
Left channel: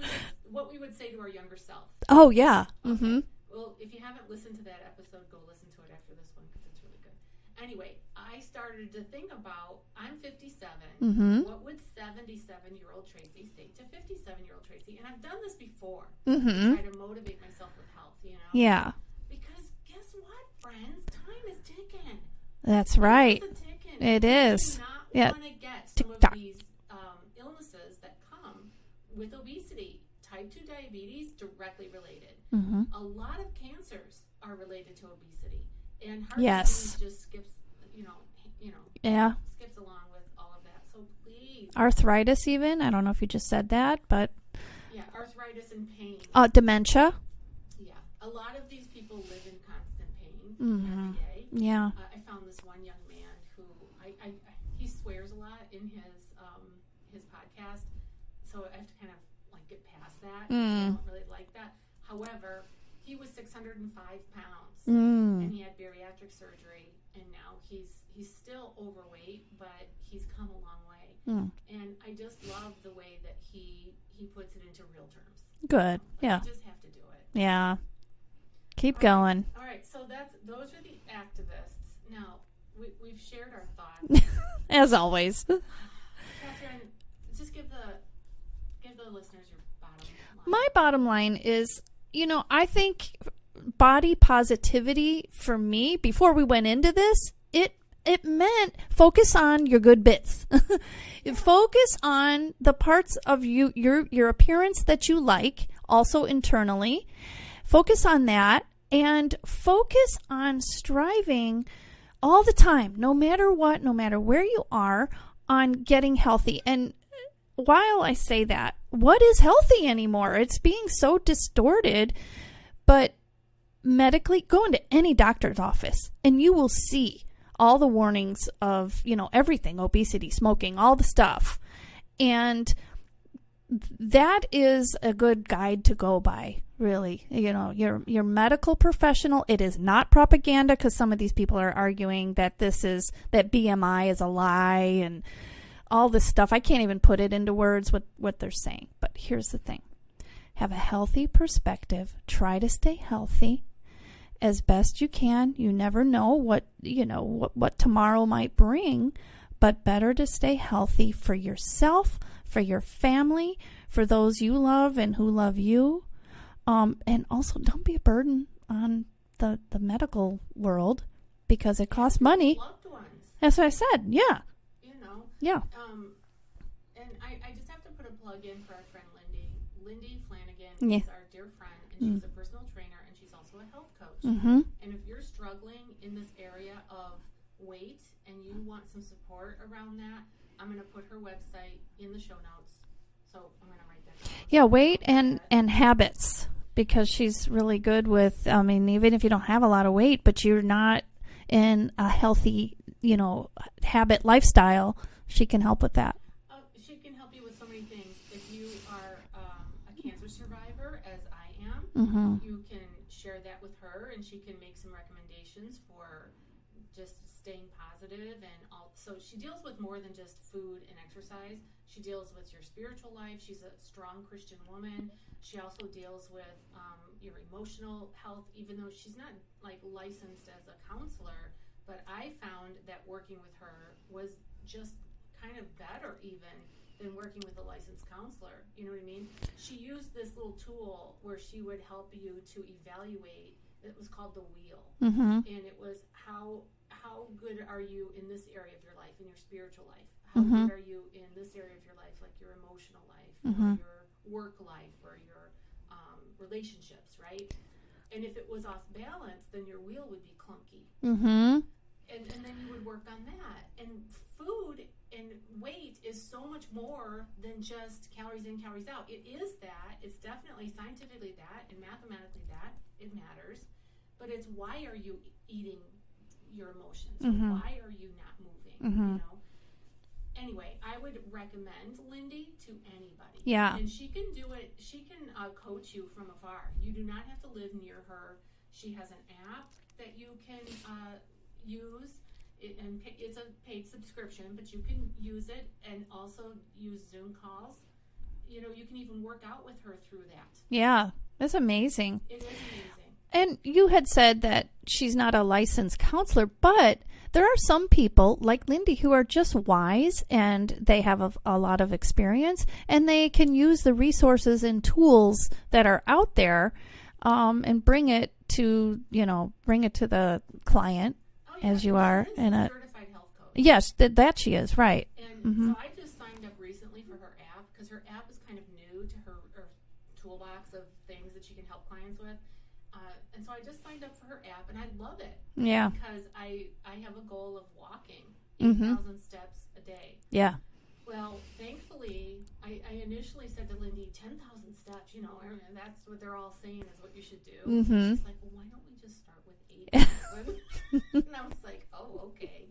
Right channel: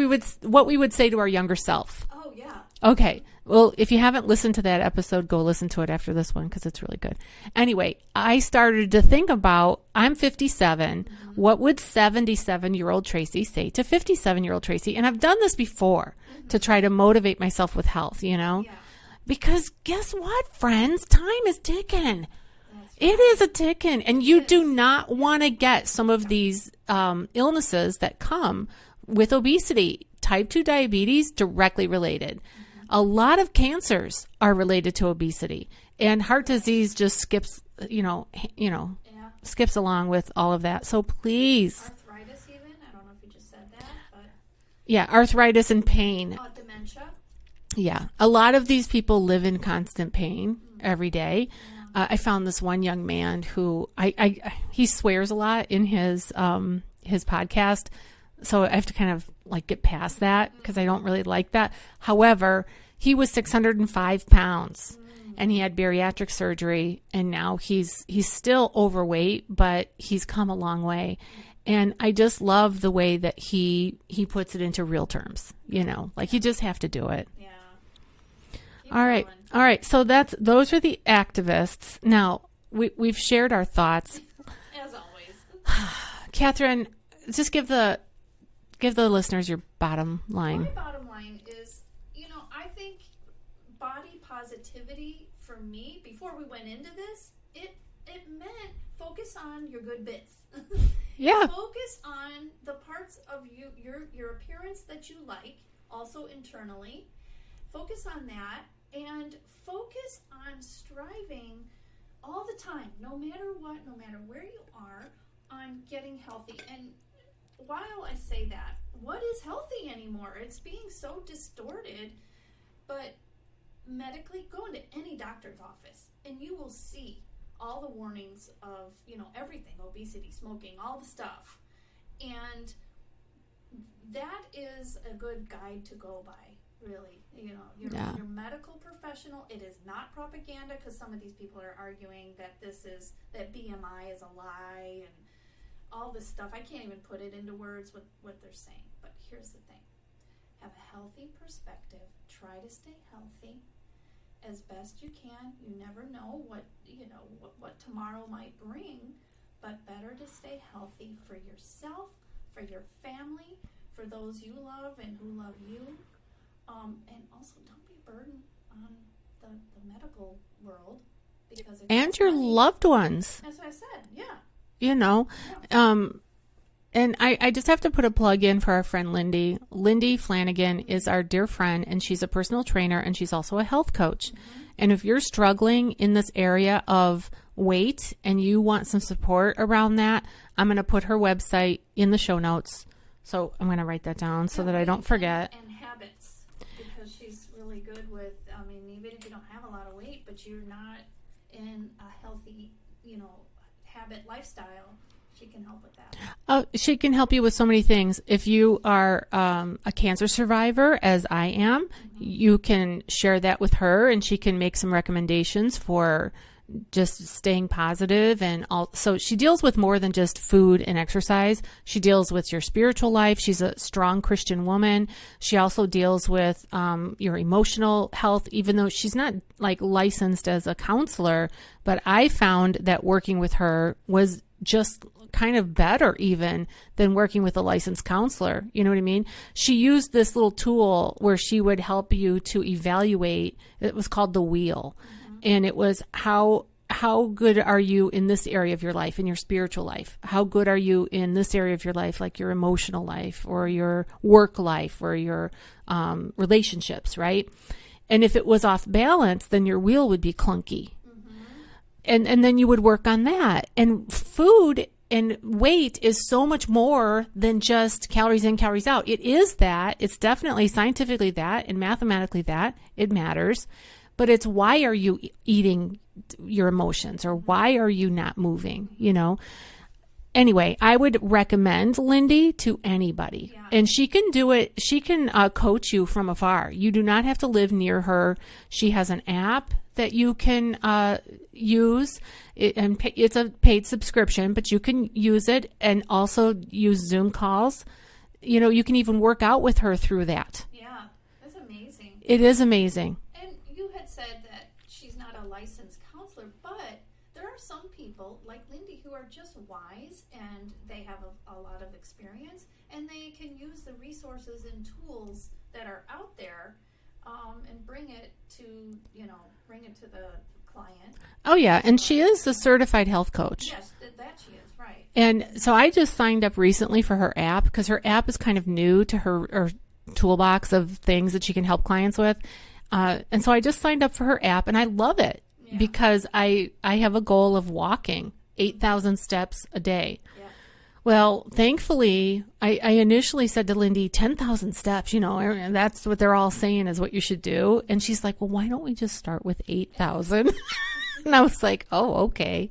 what we would say to our younger self. Oh, yeah. Okay. Well, if you haven't listened to that episode, go listen to it after this one because it's really good. Anyway, I started to think about, I'm 57. What would 77-year-old Tracy say to 57-year-old Tracy? And I've done this before to try to motivate myself with health, you know? Yeah. Because guess what, friends? Time is ticking. That's right. It is a ticking. And you do not want to get some of these illnesses that come with obesity. Type 2 diabetes, directly related. A lot of cancers are related to obesity. And heart disease just skips, skips along with all of that. So please. Arthritis even. I don't know if you just said that, but. Yeah, arthritis and pain. Dementia. Yeah. A lot of these people live in constant pain every day. Yeah. I found this one young man who he swears a lot in his podcast. So I have to kind of like get past that because I don't really like that. However, he was 605 pounds and he had bariatric surgery, and now he's still overweight, but he's come a long way. And I just love the way that he puts it into real terms. Good. You know, like you just have to do it. Yeah. Keep All going. Right. All right. So those are the activists. Now we've shared our thoughts. As always. Cathrine, just give the listeners your bottom line. My bottom line is, I think body positivity for me, before we went into this, it meant focus on your good bits. Yeah. Focus on the parts of your appearance that you like, also internally. Focus on that, and focus on striving all the time, no matter what, no matter where you are, on getting healthy. And while I say that, what is healthy anymore? It's being so distorted. But medically, go into any doctor's office and you will see all the warnings of, everything, obesity, smoking, all the stuff. And that is a good guide to go by, really. Your medical professional. It is not propaganda, because some of these people are arguing that that BMI is a lie and all this stuff. I can't even put it into words what they're saying. But here's the thing. Have a healthy perspective. Try to stay healthy as best you can. You never know what tomorrow might bring, but better to stay healthy for yourself, for your family, for those you love and who love you. And also, don't be a burden on the medical world, because it costs money. And your loved ones. That's what I said. Yeah. Yeah. And I just have to put a plug in for our friend Lindy. Lindy Flanagan is our dear friend, and she's a personal trainer, and she's also a health coach. And if you're struggling in this area of weight and you want some support around that, I'm going to put her website in the show notes. So I'm going to write that down so that I don't forget. And habits, because she's really good with, even if you don't have a lot of weight, but you're not in a healthy, habit lifestyle, she can help with that. She can help you with so many things. If you are a cancer survivor, as I am, you can share that with her, and she can make some recommendations for just staying positive. And so she deals with more than just food and exercise. She deals with your spiritual life. She's a strong Christian woman. She also deals with your emotional health, even though she's not like licensed as a counselor. But I found that working with her was just kind of better even than working with a licensed counselor. You know what I mean? She used this little tool where she would help you to evaluate. It was called the wheel. And it was how good are you in this area of your life, in your spiritual life? How good are you in this area of your life, like your emotional life or your work life or your relationships, right? And if it was off balance, then your wheel would be clunky. And then you would work on that. And food And weight is so much more than just calories in, calories out. It is that. It's definitely scientifically that and mathematically that. It matters. But it's why are you eating your emotions or why are you not moving, you know? Anyway, I would recommend Lindy to anybody. Yeah. And she can do it. She can coach you from afar. You do not have to live near her. She has an app that you can use. It's a paid subscription, but you can use it and also use Zoom calls. You know, you can even work out with her through that. Yeah. That's amazing. It is amazing. And you had said that she's not a licensed counselor, but there are some people like Lindy who are just wise and they have a lot of experience and they can use the resources and tools that are out there and bring it to the client. Oh, yeah. And she is a certified health coach. Yes, that she is. Right. And so I just signed up recently for her app because her app is kind of new to her toolbox of things that she can help clients with. And so I just signed up for her app and I love it because I have a goal of walking 8,000 steps a day. Yeah. Well, thankfully, I initially said to Lindy, 10,000 steps, you know, and that's what they're all saying is what you should do. And she's like, well, why don't we just start with 8,000? And I was like, oh, okay.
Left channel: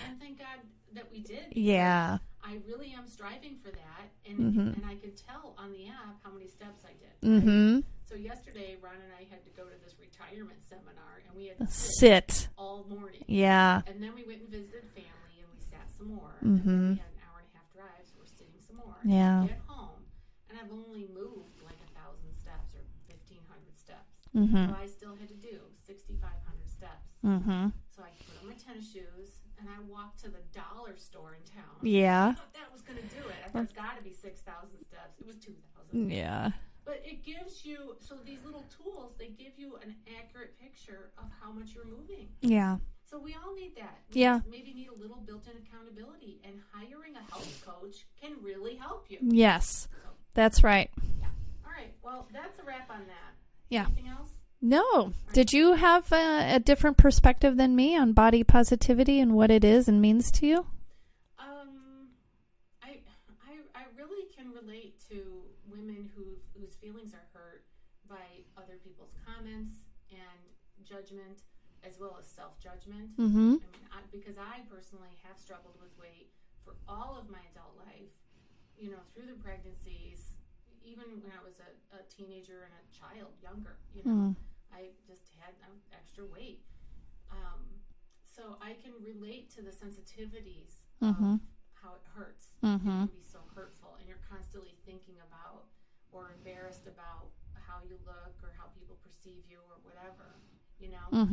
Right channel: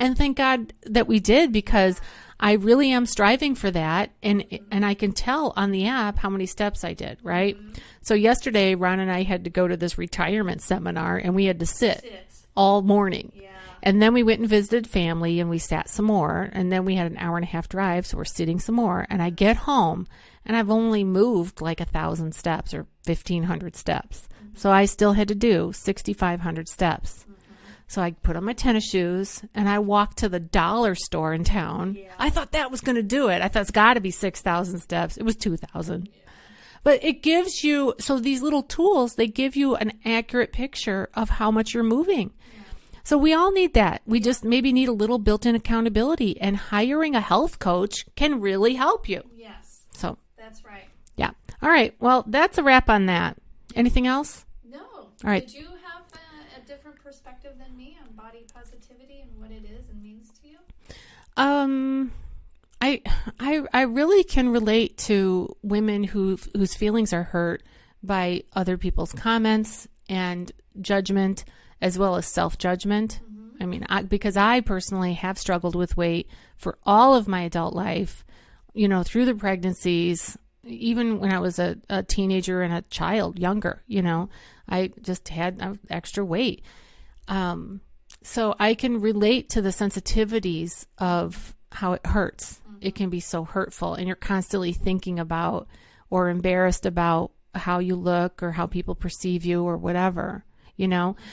And thank God that we did because I really am striving for that. And I can tell on the app how many steps I did, right? So yesterday, Ron and I had to go to this retirement seminar and we had to sit all morning. Yeah. And then we went and visited family and we sat some more. And then we had an hour and a half drive. So we're sitting some more. And I get home and I've only moved like 1,000 steps or 1,500 steps. So I still had to do 6,500 steps. So I put on my tennis shoes and I walked to the dollar store in town. Yeah. I thought that was going to do it. I thought it's got to be 6,000 steps. It was 2,000. Yeah. But it gives you, so these little tools, they give you an accurate picture of how much you're moving. Yeah. So we all need that. We just maybe need a little built-in accountability, and hiring a health coach can really help you. Yes. So that's right. Yeah. All right. Well, that's a wrap on that. Yeah. Anything else? No. All right. Did you have a different perspective than me on body positivity and what it is and means to you? I really can relate to women whose feelings are hurt by other people's comments and judgment, as well as self-judgment. I mean, because I personally have struggled with weight for all of my adult life, you know, through the pregnancies, even when I was a teenager and a child, younger, you know, I just had extra weight. So I can relate to the sensitivities of how it hurts. It can be so hurtful, and you're constantly thinking about or embarrassed about how you look or how people perceive you or whatever, you know?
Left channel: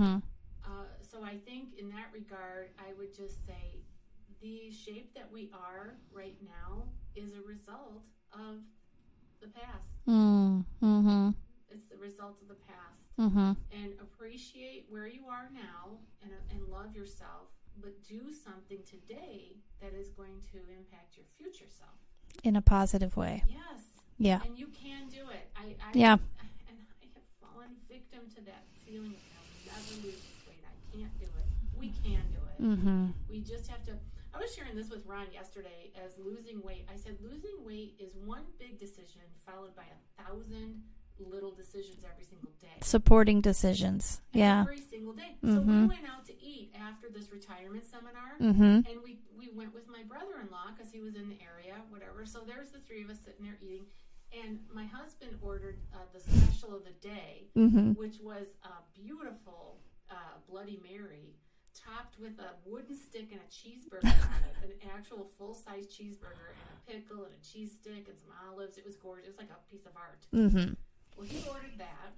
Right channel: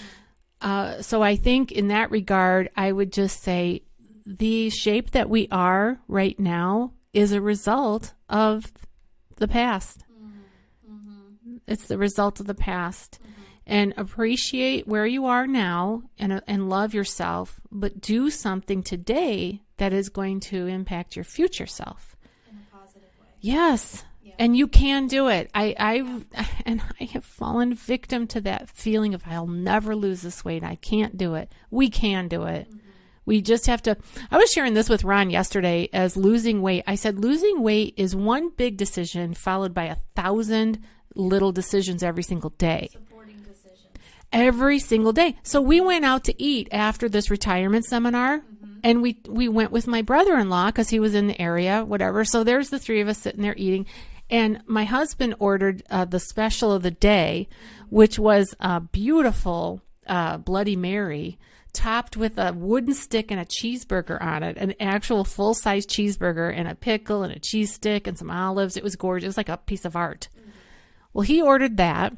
So I think in that regard, I would just say the shape that we are right now is a result of the past. It's the result of the past. And appreciate where you are now and love yourself, but do something today that is going to impact your future self. In a positive way. Yes. Yeah. And you can do it. I have fallen victim to that feeling of I'll never lose this weight. I can't do it. We can do it. We just have to. I was sharing this with Ron yesterday as losing weight. I said losing weight is one big decision followed by 1,000 little decisions every single day. Supporting decisions. Every single day. So we went out to eat after this retirement seminar, and we went with my brother-in-law because he was in the area, whatever. So there's the three of us sitting there eating. And my husband ordered the special of the day, which was a beautiful Bloody Mary topped with a wooden stick and a cheeseburger on it, an actual full-size cheeseburger and a pickle and a cheese stick and some olives. It was gorgeous. It was like a piece of art. Well, he ordered that,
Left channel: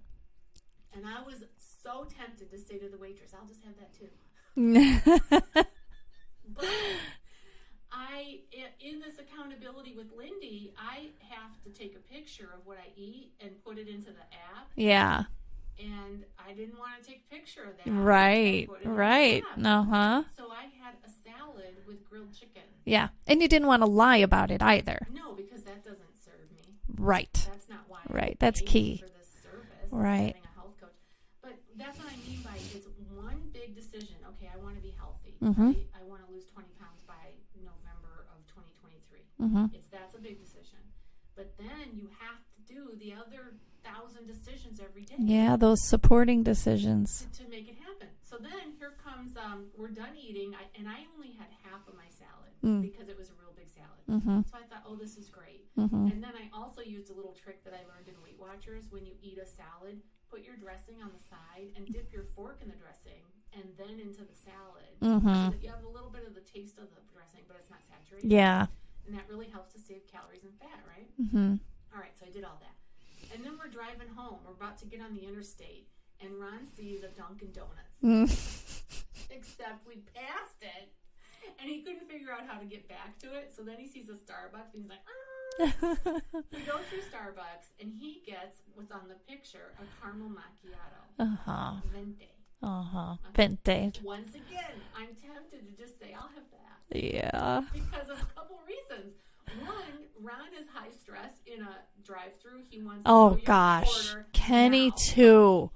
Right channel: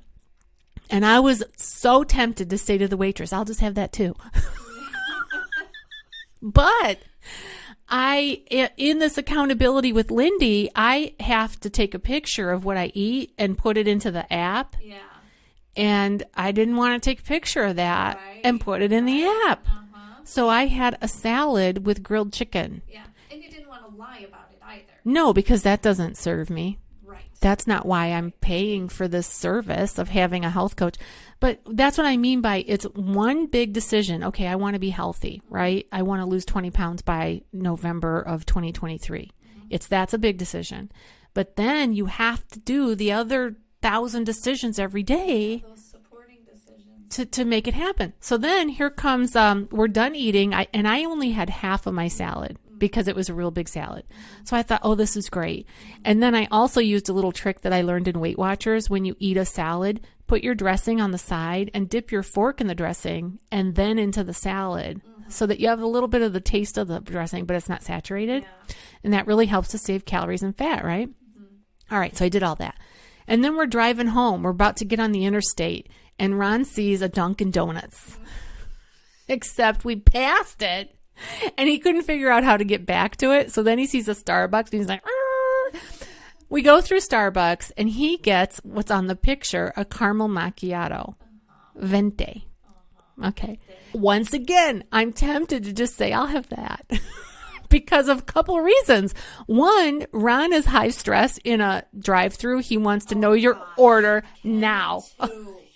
and I was so tempted to say to the waitress, I'll just have that too. But in this accountability with Lindy, I have to take a picture of what I eat and put it into the app. Yeah. And I didn't want to take a picture of that and put it in the app. So I had a salad with grilled chicken. Yeah. And you didn't want to lie about it either. No, because that doesn't serve me. Right. That's not why I'm Right. That's paying key. for this service of Right. having a health coach. But that's what I mean by it's one big decision. Okay, I want to be healthy, right? I want to lose 20 pounds by November of 2023. That's a big decision. But then you have to do the other 1,000 decisions every day. Yeah, those supporting decisions. To make it happen. So then here comes, we're done eating. I only had half of my salad because it was a real big salad. So I thought, oh, this is great. And then I also used a little trick that I learned in Weight Watchers. When you eat a salad, put your dressing on the side and dip your fork in the dressing and then into the salad so that you have a little bit of the taste of the dressing, but it's not saturated. Yeah. And that really helps to save calories and fat, right? All right. So I did all that. And then we're driving home. We're about to get on the interstate. And Ron sees a Dunkin' Donuts. Except we passed it. And he couldn't figure out how to get back to it. So then he sees a Starbucks. And he's like, we go through Starbucks. And he gets what's on the picture, a caramel macchiato. Venti. Okay. Venti. Once again, I'm tempted to just say, I'll have that. Yeah. Because of a couple of reasons. One, Ron is high stress in a drive-through. He wants to know your order now. Too.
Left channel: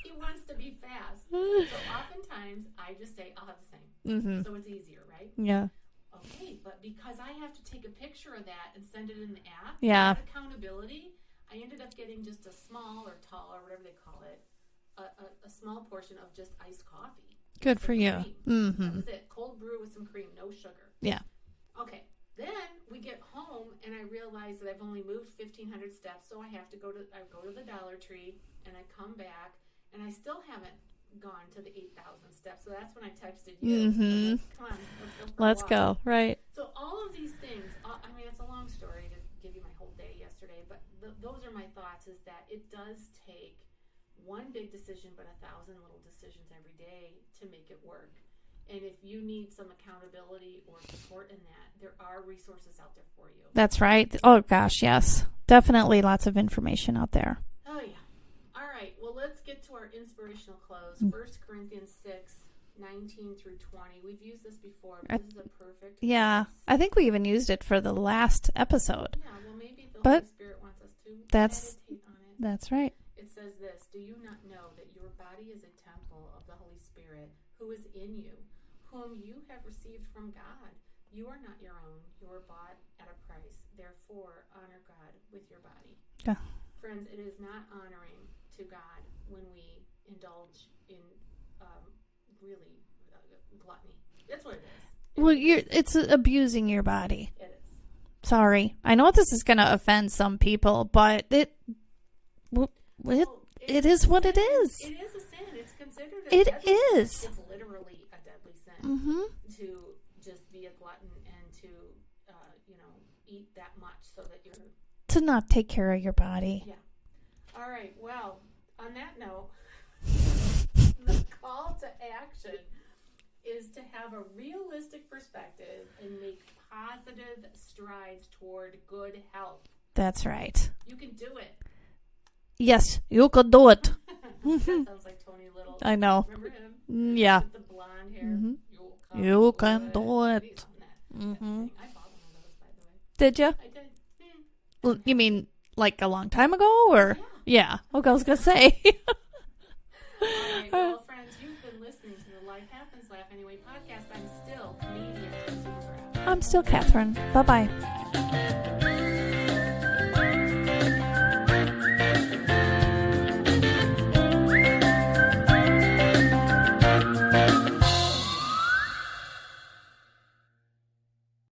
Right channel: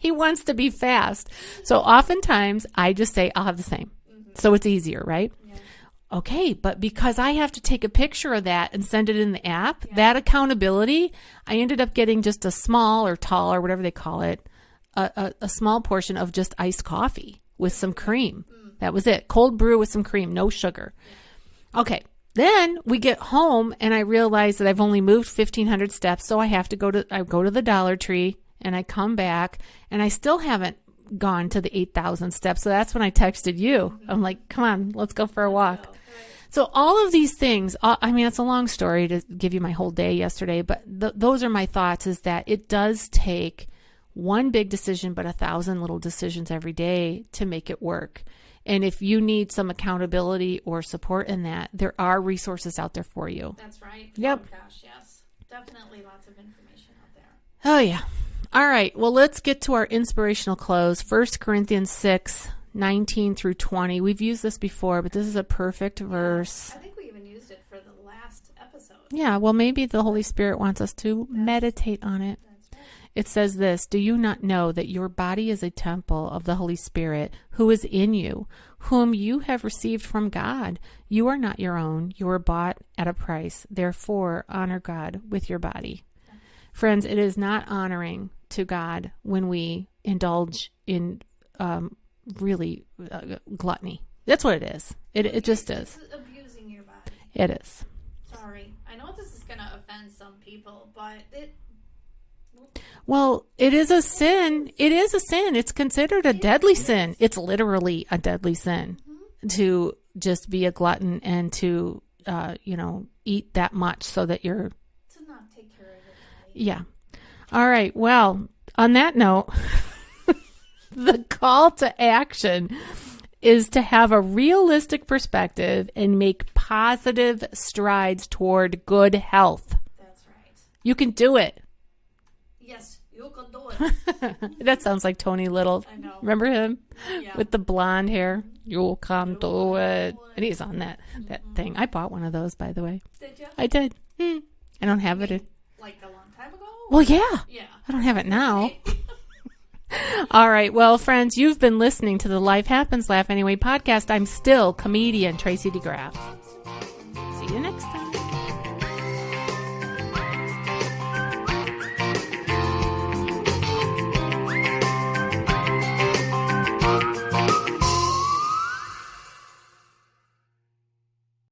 He wants to be fast. So oftentimes, I just say, I'll have the same. So it's easier, right? Yeah. Okay, but because I have to take a picture of that and send it in the app, that accountability, I ended up getting just a small or tall or whatever they call it, a small portion of just iced coffee with some cream. That was it. Cold brew with some cream, no sugar. Yeah. Okay. Then we get home and I realize that I've only moved 1,500 steps, so I have to go to the Dollar Tree and I come back and I still haven't gone to the 8,000 steps. So that's when I texted you. I'm like, come on, let's go for a walk. Let's go. Right. So all of these things, I mean, it's a long story to give you my whole day yesterday, but those are my thoughts, is that it does take one big decision, but 1,000 little decisions every day to make it work. And if you need some accountability or support in that, there are resources out there for you. That's right. Yep. Oh, gosh, yes. Definitely lots of information out there. Oh, yeah. All right. Well, let's get to our inspirational close. 1 Corinthians 6, 19 through 20. We've used this before, but this is a perfect verse. I think we even used it for the last episode. Yeah. Well, maybe the Holy Spirit wants us to meditate on it. That's right. It says this: do you not know that your body is a temple of the Holy Spirit who is in you, whom you have received from God? You are not your own. You were bought at a price. Therefore, honor God with your body. Yeah. Friends, it is not honoring to God when we indulge in really gluttony. That's what it is. It just is. It's abusing your body. It is. Sorry. I know this is going to offend some people, but it is a sin. It is. It is a sin. It's considered a deadly sin. It's literally a deadly sin to just be a glutton and to, eat that much so that you're... To not take care of your body. Yeah. All right. Well, on that note, the call to action is to have a realistic perspective and make positive strides toward good health. That's right. You can do it. Yes, you could do it. That sounds like Tony Little. I know. Remember him? Yeah. With the blonde hair. You can do it. And he's on that thing. I bought one of those, by the way. Did you? I did. I don't have it. You mean like a long time ago? Or? Oh, yeah. Yeah. I don't have it now. All right. Well, friends, you've been listening to the Life Happens, Laugh Anyway podcast. I'm still comedian Tracy DeGraff. I'm still Catherine. Bye-bye. See you next time.